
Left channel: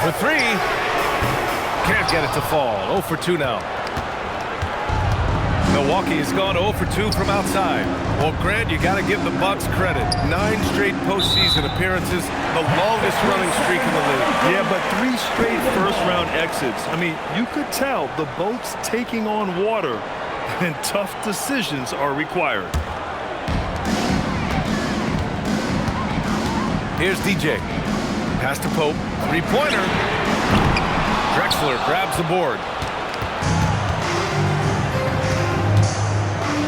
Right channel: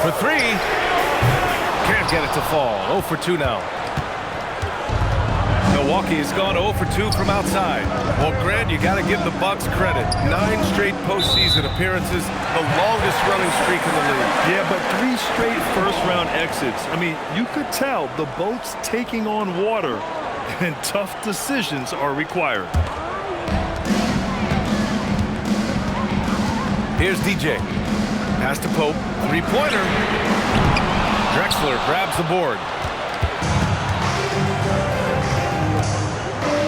For 3. Can't get it to fall. 0 for 2 now. Milwaukee has gone 0 for 2 from outside. Well, Grant, you got to give the Bucks credit. 9 straight postseason appearances, the longest running streak in the league. Yeah, but 3 straight first-round exits. I mean, you could tell the boat's taking on water, and tough decisions are required. Here's DJ. Pass to Pope. 3-pointer. Drexler grabs the board.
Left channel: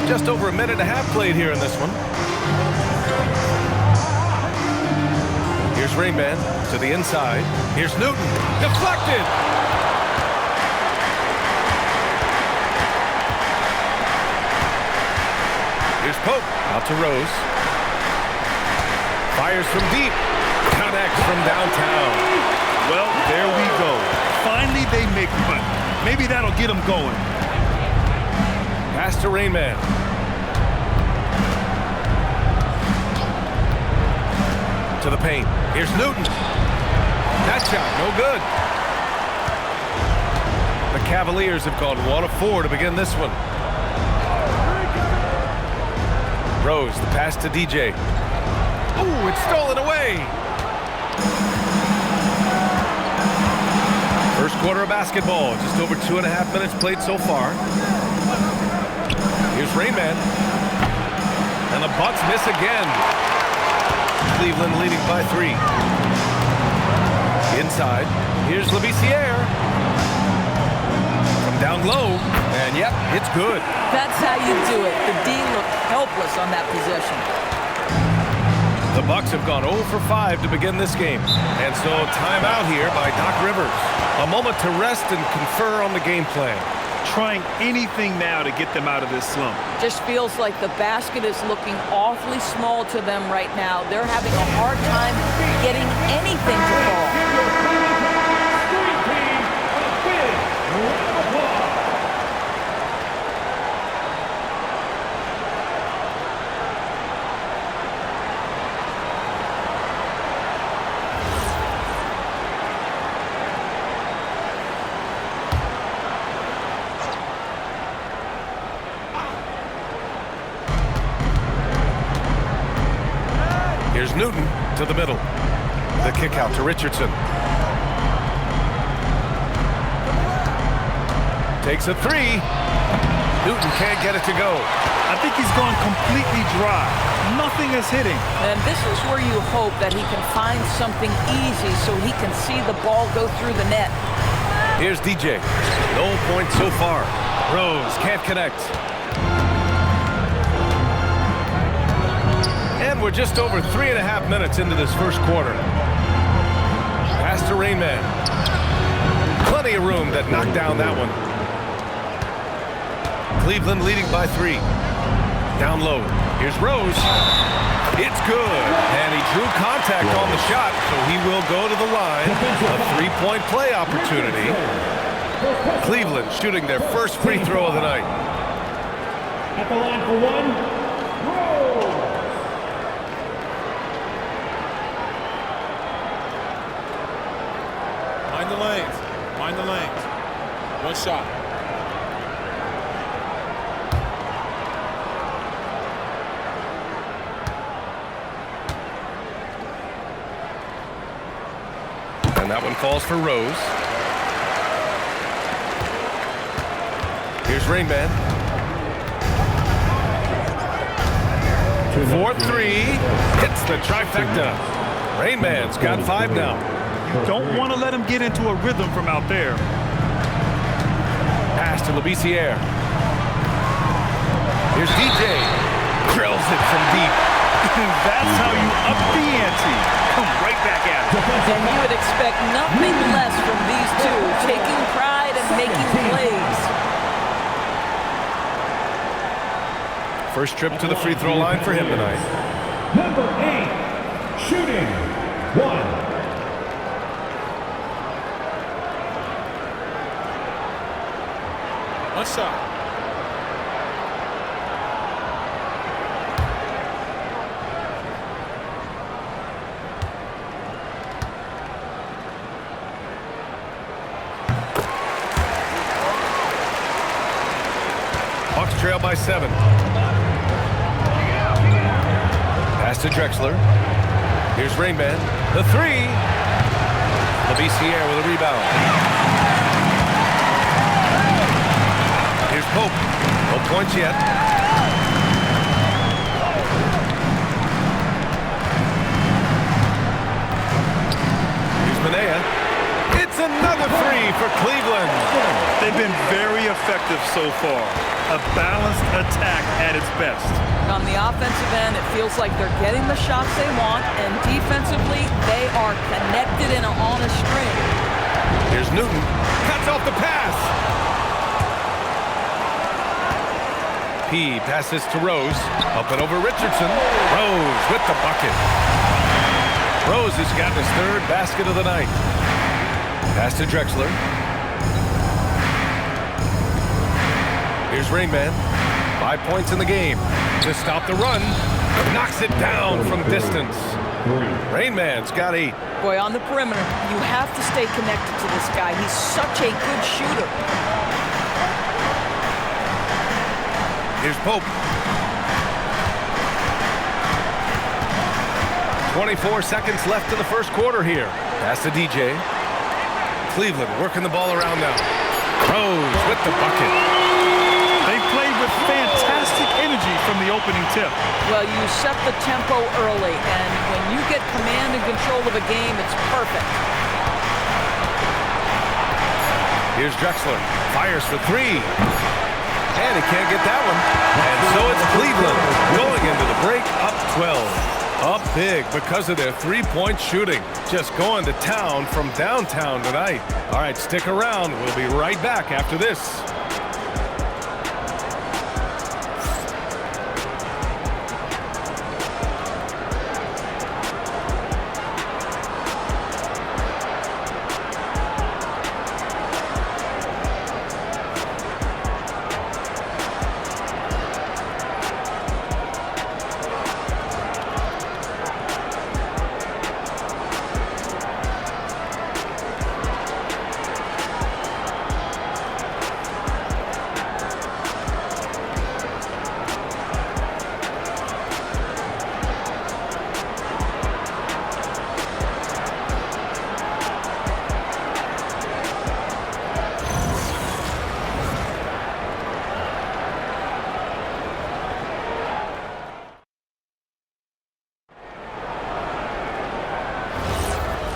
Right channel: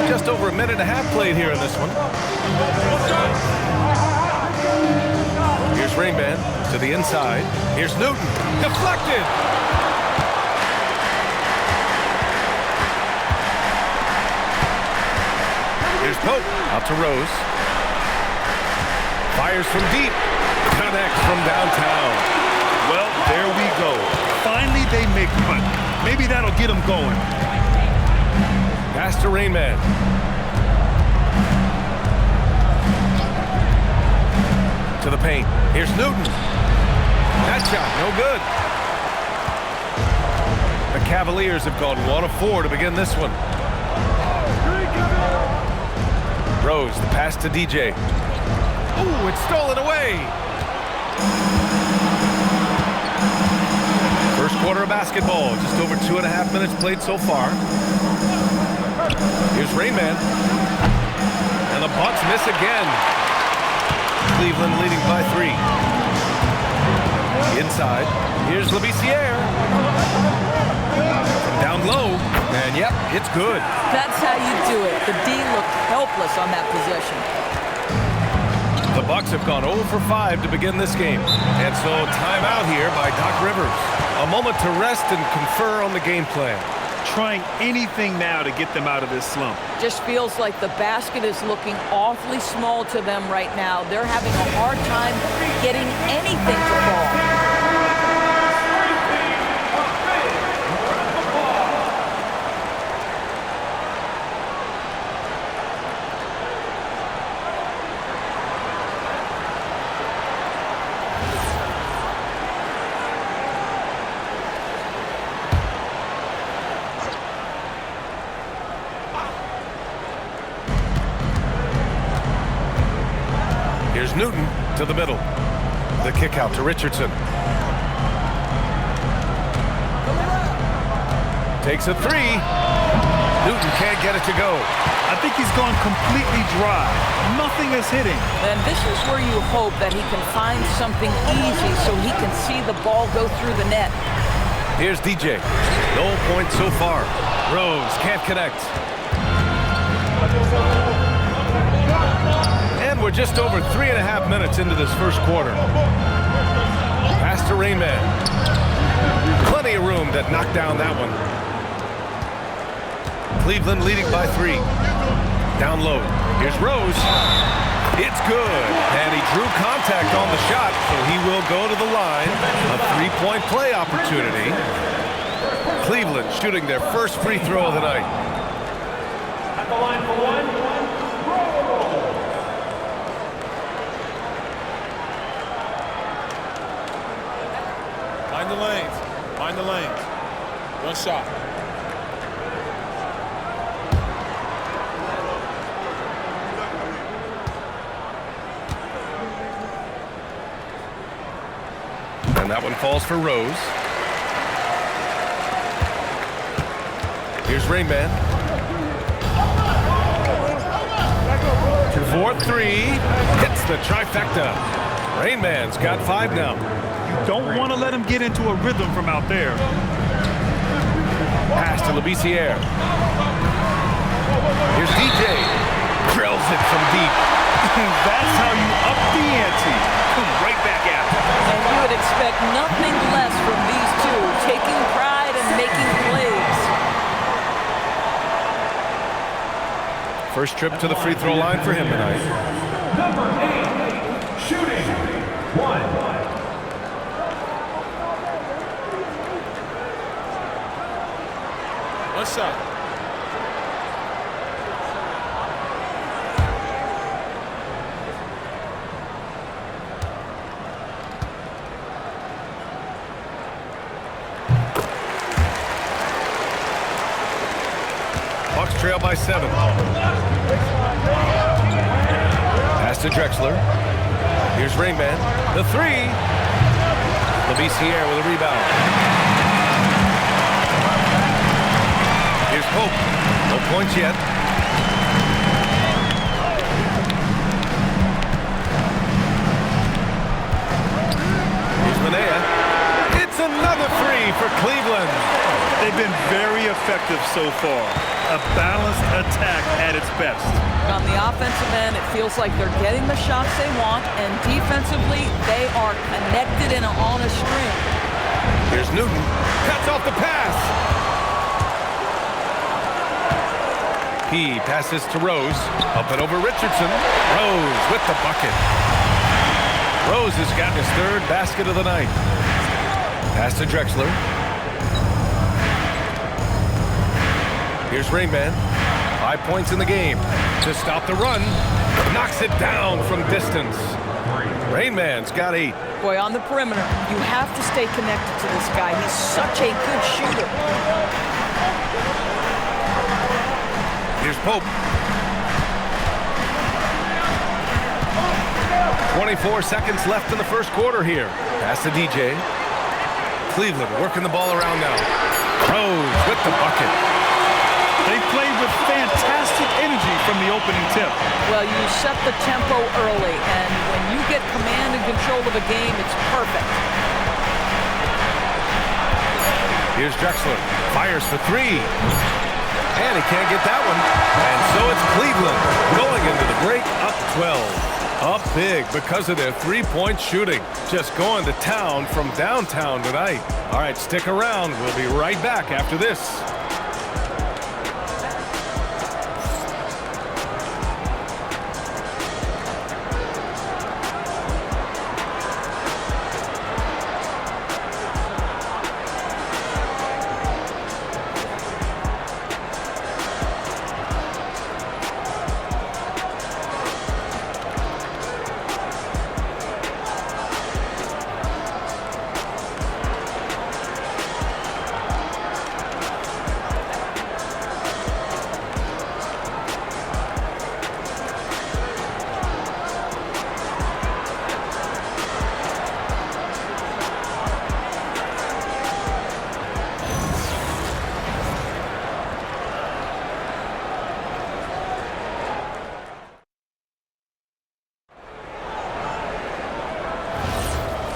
Just over a minute and a half played here in this one. Here's Rainman to the inside. Here's Newton. Deflected. Here's Pope. Out to Rose. Fires from deep. Connects from downtown. Well, there we go. Finally, they make one. Maybe that'll get them going. Pass to Rainman. To the paint. Here's Newton. That shot, no good. The Cavaliers have gone 1 of 4 to begin this one. Rose, the pass to DJ. Ooh, it's stolen away. First quarter of basketball, just over 2.5 minutes played so far. Here's Rainman. And the Bucks miss again. Cleveland leading by 3. Inside, here's Labissiere. From down low, and yep, it's good. That's how you do it. The D looked helpless on that possession. The Bucks have gone 0 for 5 to begin this game. And so timeout here by Doc Rivers. A moment to rest and confer on the game plan. Trying anything now to get them out of this slump. Just feels like the basket is looking awfully small to them right now. They're having a hard time getting anything to fall. Here's Newton to the middle. The kick out to Richardson. Takes a three. Newton can't get it to go. I think he's gone completely dry. Nothing is hitting. And this is where you hope that he can find something easy so he can see the ball go through the net. Here's DJ. No points so far. Rose can't connect. And we're just over 3.5 minutes into this first quarter. Pass to Rainman. Plenty of room that knocked down that one. Cleveland leading by 3. Down low. Here's Rose. It's good. And he drew contact on the shot, so he will go to the line. A 3-point play opportunity. Cleveland shooting their first free throw of the night. At the line for one, Rose. Mind the lanes. Mind the lanes. One shot. And that one falls for Rose. Here's Rainman. 4-3. Hits the trifecta. Rainman's got 5 now. You don't want to let him get into a rhythm from out there. Pass to Labissiere. Here's DJ. Drills it from deep. That's how you up the ante. Come right back at it. And you would expect nothing less from these two, taking pride and making plays. First trip to the free throw line for him tonight. Number 8, shooting 1. One shot. Bucks trail by 7. Pass to Drexler. Here's Rainman. The 3. Labissiere with a rebound. Here's Pope. No points yet. Here's Manea. It's another 3 for Cleveland. They've been very effective so far. A balanced attack at its best. On the offensive end, it feels like they're getting the shots they want, and defensively, they are connected and on a string. Here's Newton. Cuts off the pass. P passes to Rose. Up and over Richardson. Rose with the bucket. Rose has gotten his 3rd basket of the night. Pass to Drexler. Here's Rainman. 5 points in the game. To stop the run. Knocks it down from distance. Rainman's got 8. Boy, on the perimeter, you have to stay connected to this guy. He's such a good shooter. Here's Pope. 24 seconds left in the first quarter here. Pass to DJ. Cleveland working the ball around now. Rose with the bucket. They played with fantastic energy from the opening tip. Well, you set the tempo early, and when you get command and control of a game, it's perfect. Here's Drexler. Fires for 3. And he can't get that one. And so it's Cleveland going into the break up 12. Up big because of their 3-point shooting. Just going to town from downtown tonight. All right, stick around. We'll be right back after this.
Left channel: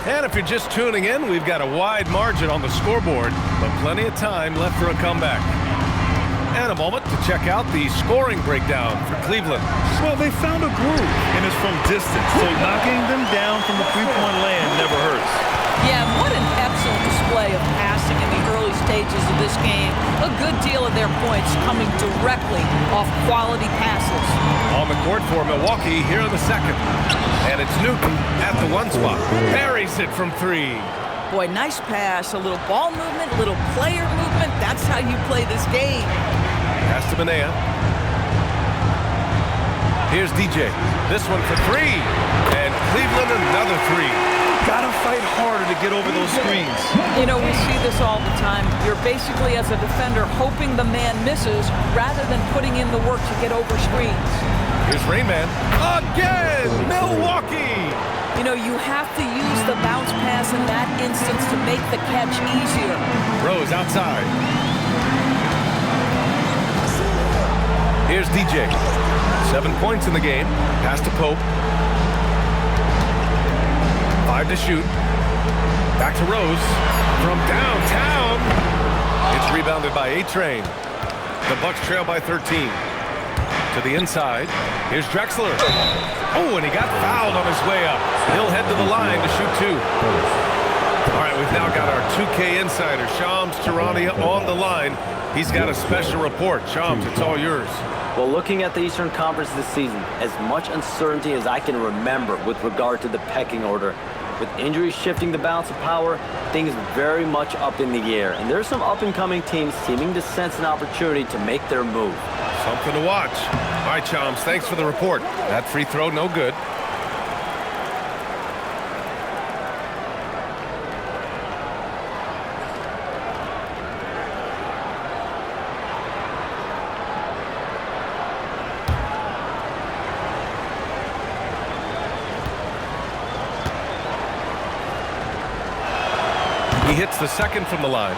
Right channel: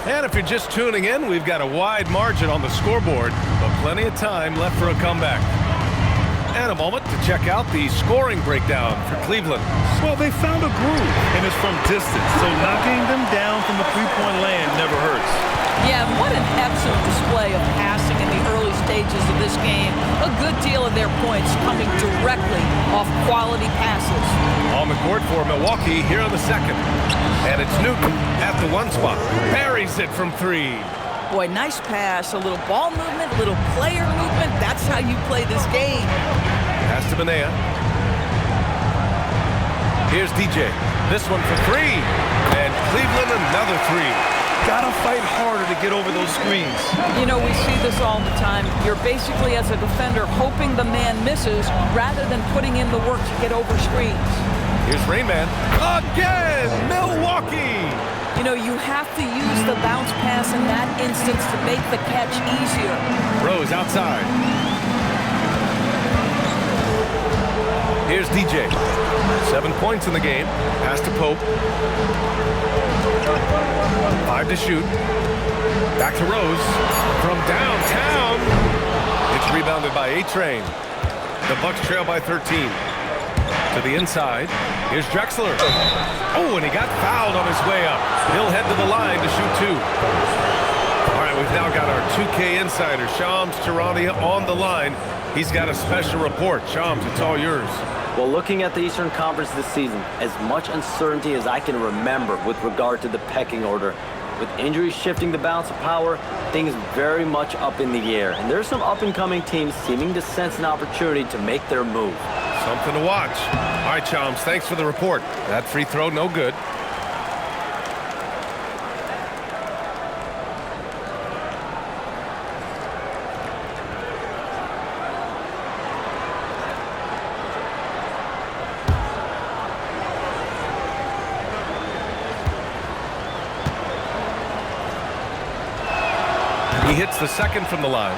And if you're just tuning in, we've got a wide margin on the scoreboard, but plenty of time left for a comeback. And a moment to check out the scoring breakdown for Cleveland. Well, they found a groove, and it's from distance, so knocking them down from the three-point land never hurts. Yeah, and what an excellent display of passing in the early stages of this game. A good deal of their points coming directly off quality passes. On the court for Milwaukee here in the second. And it's Newton at the one spot. Buries it from three. Boy, nice pass, a little ball movement, a little player movement. That's how you play this game. Pass to Manea. Here's DJ. This one for three. And Cleveland another three. Gotta fight harder to get over those screens. You know, we see this all the time. You're basically, as a defender, hoping the man misses rather than putting in the work to get over screens. Here's Rain Man. Again, Milwaukee. You know, you have to use the bounce pass in that instance to make the catch easier. Rose outside. Here's DJ. 7 points in the game. Pass to Pope. 5 to shoot. Back to Rose. From downtown. It's rebounded by A-Train. The Bucks trail by 13. To the inside. Here's Drexler. Oh, and he got fouled on his way up. He'll head to the line to shoot two. All right, we've now got our 2K insider, Shams Charania, on the line. He's got a special report. Shams, it's all yours. Well, looking at the Eastern Conference this season, as much uncertainty as I can remember with regard to the pecking order. With injuries shifting the balance of power, things very much up in the air. And there's some up-and-coming teams seeming to sense an opportunity to make their move. Something to watch. All right, Chums, thanks for the report. That free throw, no good. He hits the second from the line.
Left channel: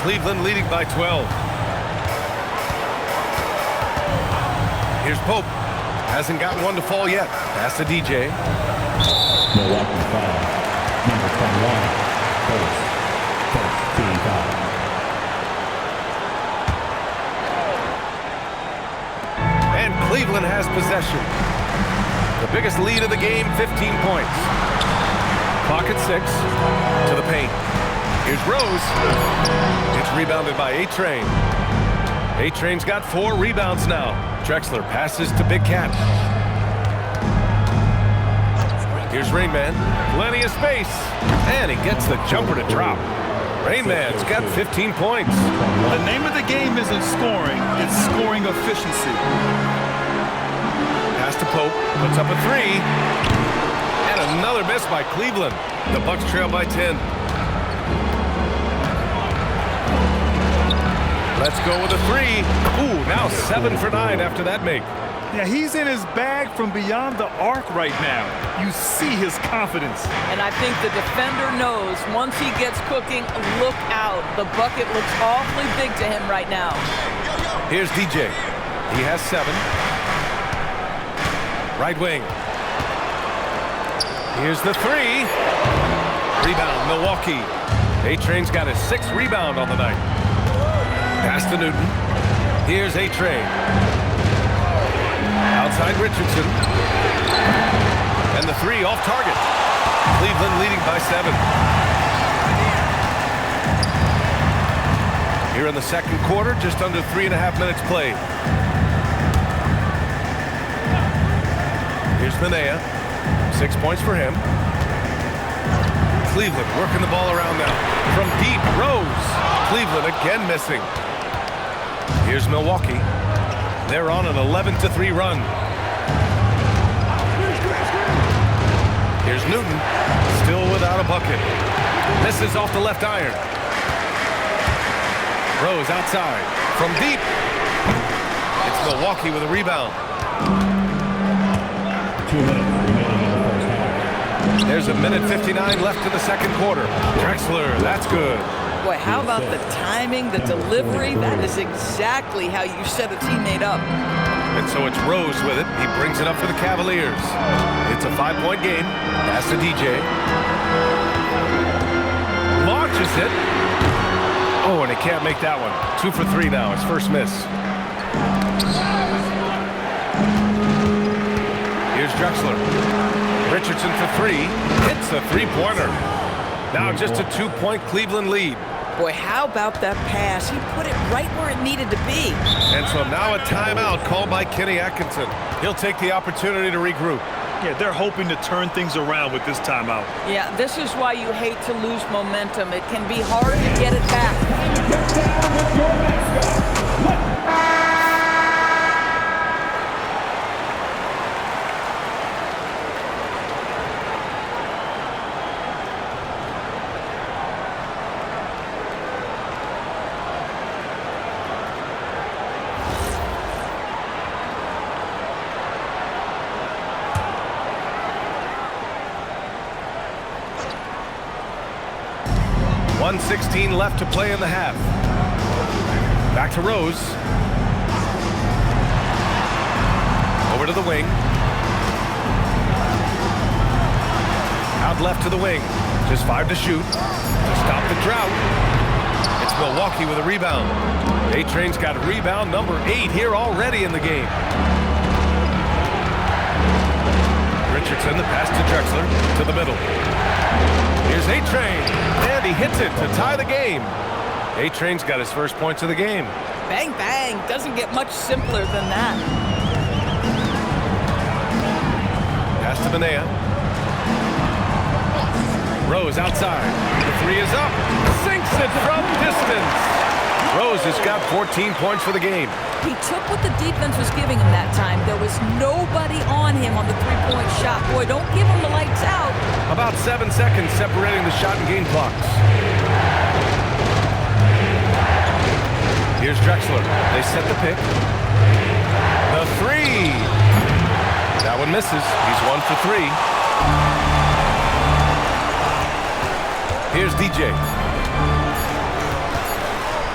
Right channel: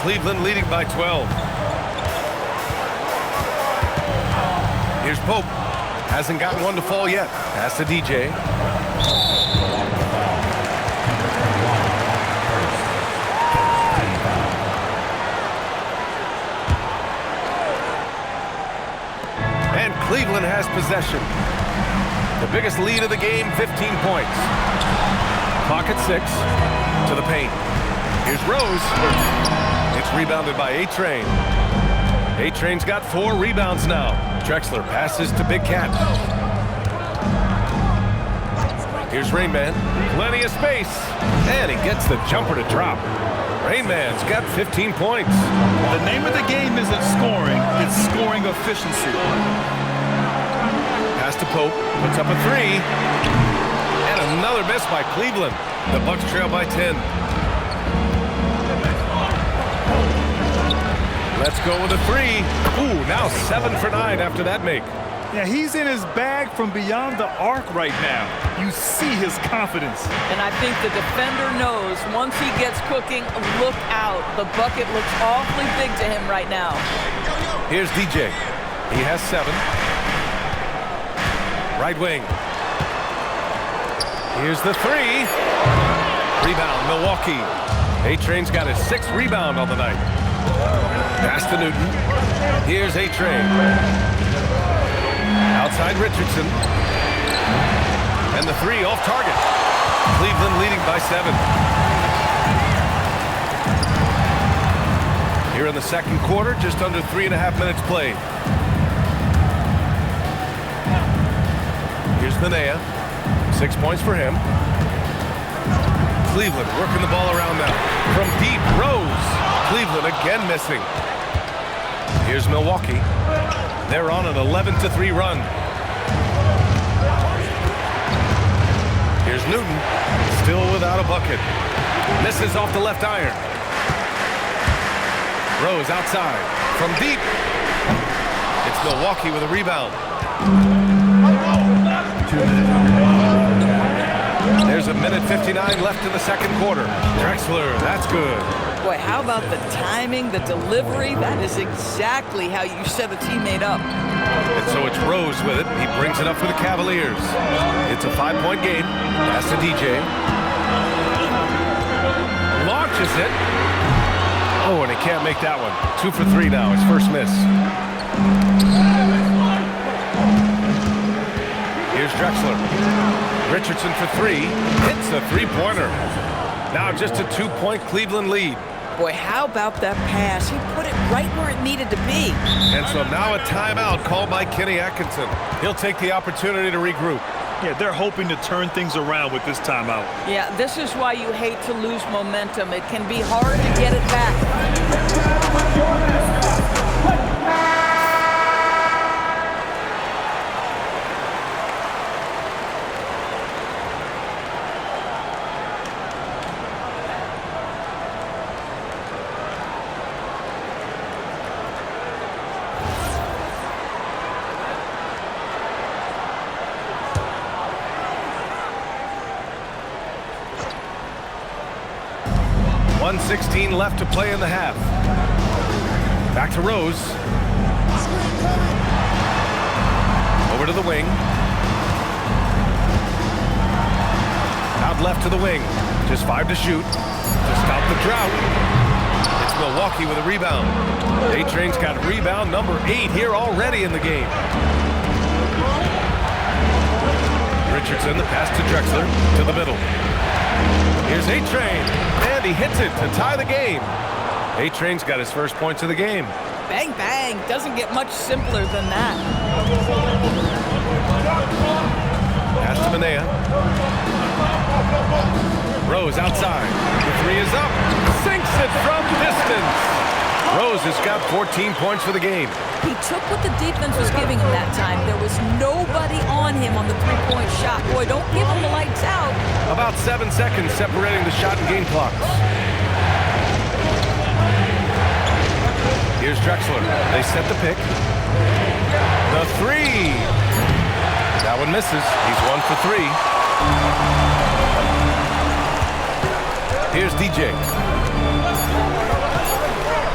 Cleveland leading by 12. Here's Pope. Hasn't gotten one to fall yet. Pass to DJ. Milwaukee foul. Number 21. First team foul. And Cleveland has possession. The biggest lead of the game, 15 points. Clock at 6. To the paint. Here's Rose. It's rebounded by A-Train. A-Train's got 4 rebounds now. Drexler passes to Big Cat. Here's Rain Man. Plenty of space. And he gets the jumper to drop. Rain Man's got 15 points. The name of the game isn't scoring, it's scoring efficiency. Pass to Pope. Puts up a 3. And another miss by Cleveland. The Bucks trail by 10. Let's go with a 3. Ooh, now 7 for 9 after that make. Yeah, he's in his bag from beyond the arc right now. You see his confidence. And I think the defender knows once he gets cooking, look out. The bucket looks awfully big to him right now. Here's DJ. He has 7. Right wing. Here's the 3. Rebound, Milwaukee. A-Train's got his 6th rebound on the night. Pass to Newton. Here's A-Train. Outside Richardson. And the 3 off target. Cleveland leading by 7. Here in the second quarter, just under 3.5 minutes played. Here's Manea. 6 points for him. Cleveland working the ball around now. From deep, Rose. Cleveland again missing. Here's Milwaukee. They're on an 11-3 run. Here's Newton. Still without a bucket. Misses off the left iron. Rose outside. From deep. It's Milwaukee with a rebound. 2 minutes remaining. There's a minute 59 left in the second quarter. Drexler, that's good. Boy, how about the timing, the delivery? That is exactly how you set a teammate up. And so it's Rose with it. He brings it up for the Cavaliers. It's a 5-point game. Pass to DJ. Launches it. Oh, and he can't make that one. 2 for 3 now. His first miss. Here's Drexler. Richardson for 3. Hits the three-pointer. Now just a 2-point Cleveland lead. Boy, how about that pass? He put it right where it needed to be. And so now a timeout called by Kenny Atkinson. He'll take the opportunity to regroup. Yeah, they're hoping to turn things around with this timeout. Yeah, this is why you hate to lose momentum. It can be hard to get it back. Get down with your mascot. .116 left to play in the half. Back to Rose. Over to the wing. Out left to the wing. Just 5 to shoot. To stop the drought. It's Milwaukee with a rebound. A-Train's got rebound number 8 here already in the game. Richardson, the pass to Drexler, to the middle. Here's A-Train, and he hits it to tie the game. A-Train's got his first points of the game. Bang, bang. Doesn't get much simpler than that. Pass to Manea. Rose outside. The 3 is up. Sinks it from distance. Rose has got 14 points for the game. He took what the defense was giving him that time. There was nobody on him on the three-point shot. Boy, don't give him the lights out. About 7 seconds separating the shot and game clocks. Here's Drexler. They set the pick. The 3. That one misses. He's 1 for 3. Here's DJ.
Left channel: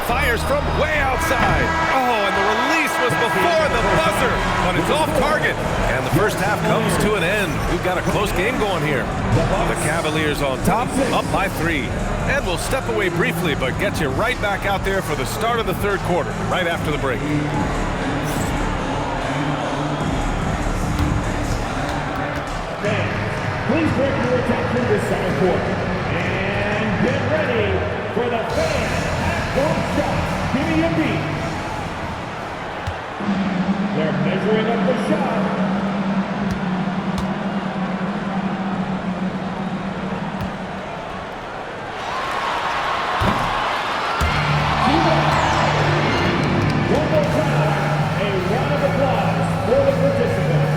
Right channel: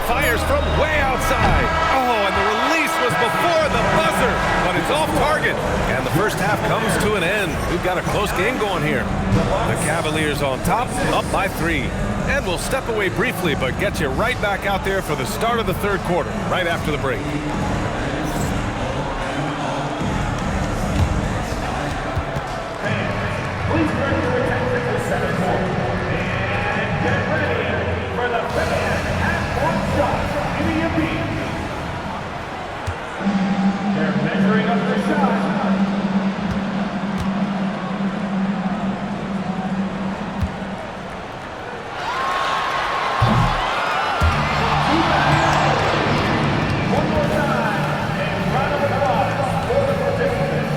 Fires from way outside. Oh, and the release was before the buzzer, but it's off target. And the first half comes to an end. We've got a close game going here. The Cavaliers on top, up by 3. And we'll step away briefly, but get you right back out there for the start of the third quarter, right after the break. Please direct your attention to the second quarter. And get ready for the fan half-court shot. Give me a beat. They're measuring up the shot. One more time, a round of applause for the participants.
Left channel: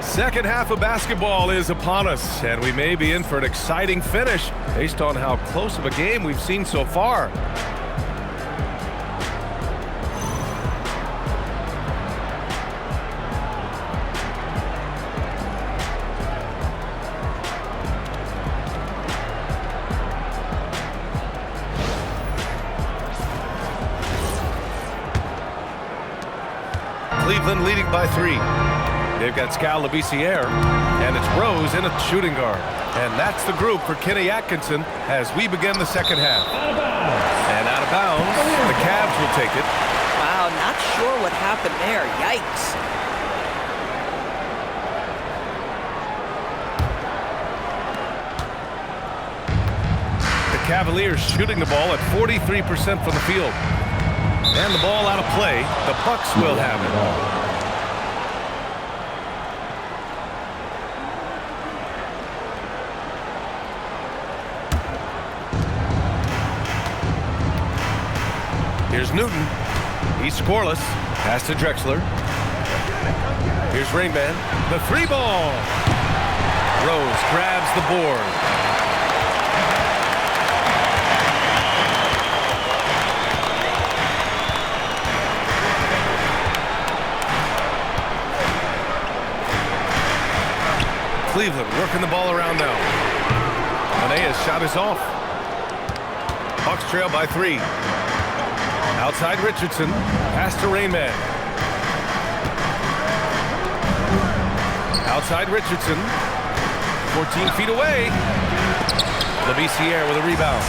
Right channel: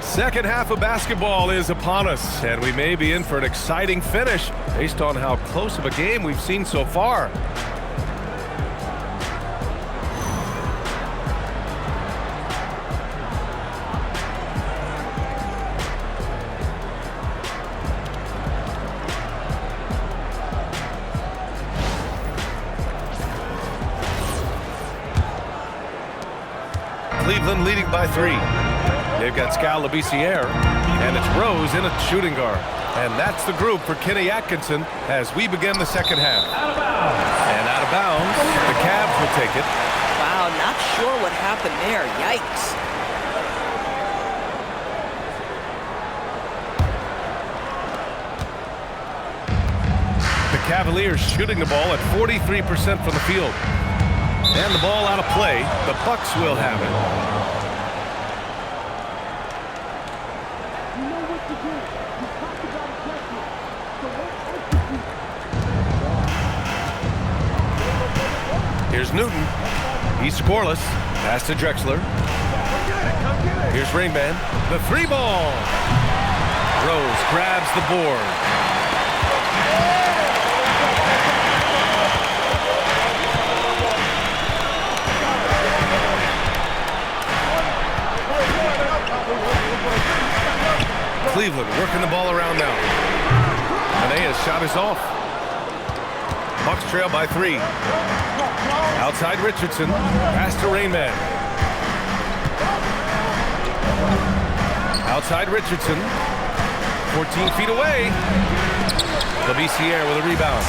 Second half of basketball is upon us, and we may be in for an exciting finish based on how close of a game we've seen so far. Cleveland leading by 3. They've got Scal Labissiere, and it's Rose in a shooting guard. And that's the group for Kenny Atkinson as we begin the second half. Out of bounds. And out of bounds, the Cavs will take it. Wow, not sure what happened there. Yikes. Cavaliers shooting the ball at 43% from the field. And the ball out of play. The Bucks will have it. Here's Newton. He's scoreless. Pass to Drexler. Here's Ringman. The 3-ball. Rose grabs the board. Cleveland working the ball around now. Manea's shot is off. Bucks trail by 3. Outside Richardson. Pass to Rainman. Outside Richardson. 14 feet away. Labissiere with a rebound.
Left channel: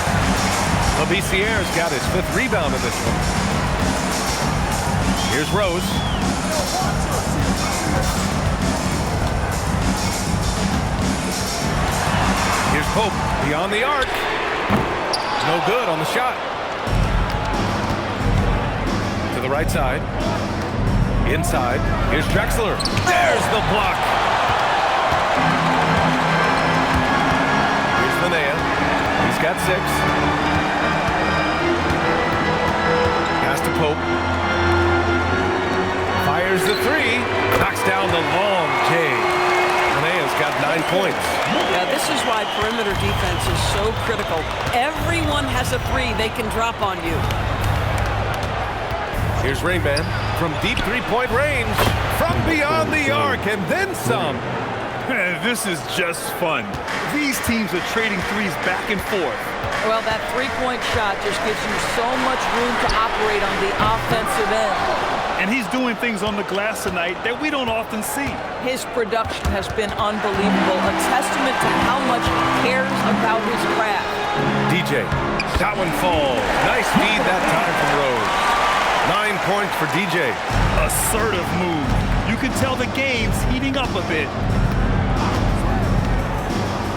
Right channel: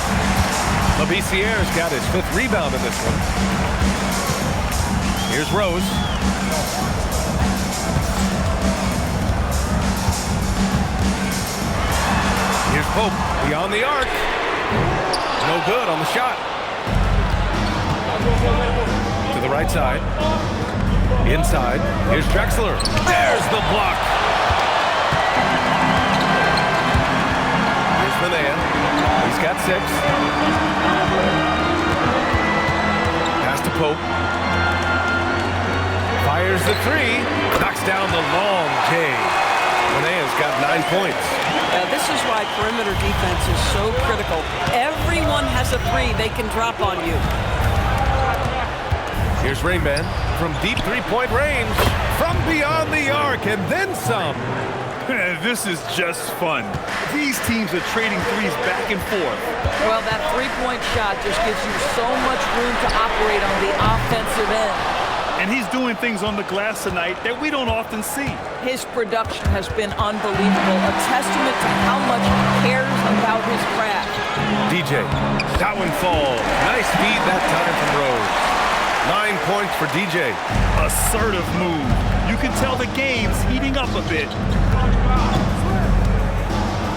Labissiere's got his 5th rebound in this one. Here's Rose. Here's Pope beyond the arc. No good on the shot. To the right side. Inside. Here's Drexler. There's the block. Here's Manea. He's got 6. Pass to Pope. Fires the 3. Knocks down the long J. Manea's got 9 points. Yeah, this is why perimeter defense is so critical. Everyone has a 3 they can drop on you. Here's Rainman from deep 3-point range. From beyond the arc and then some. This is just fun. These teams are trading threes back and forth. Well, that 3-point shot just gives you so much room to operate on the offensive end. And he's doing things on the glass tonight that we don't often see. His production has been unbelievable, a testament to how much he cares about his craft. DJ, that one falls. Nice feed that time from Rose. 9 points for DJ. Assertive move. You can tell the game's heating up a bit.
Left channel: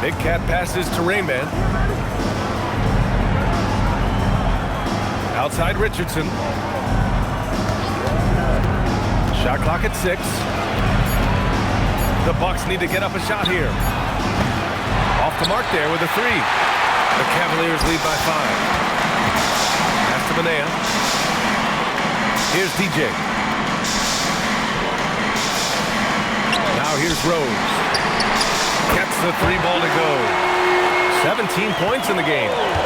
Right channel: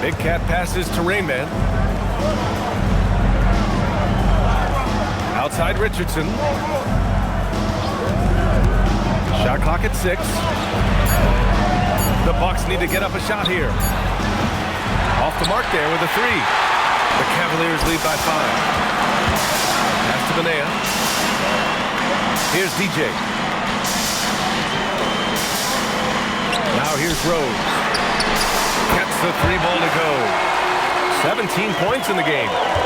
Big Cat passes to Rainman. Outside Richardson. Shot clock at 6. The Bucks need to get up a shot here. Off the mark there with a 3. The Cavaliers lead by 5. Pass to Manea. Here's DJ. Now here's Rose. Gets the 3-ball to go. 17 points in the game.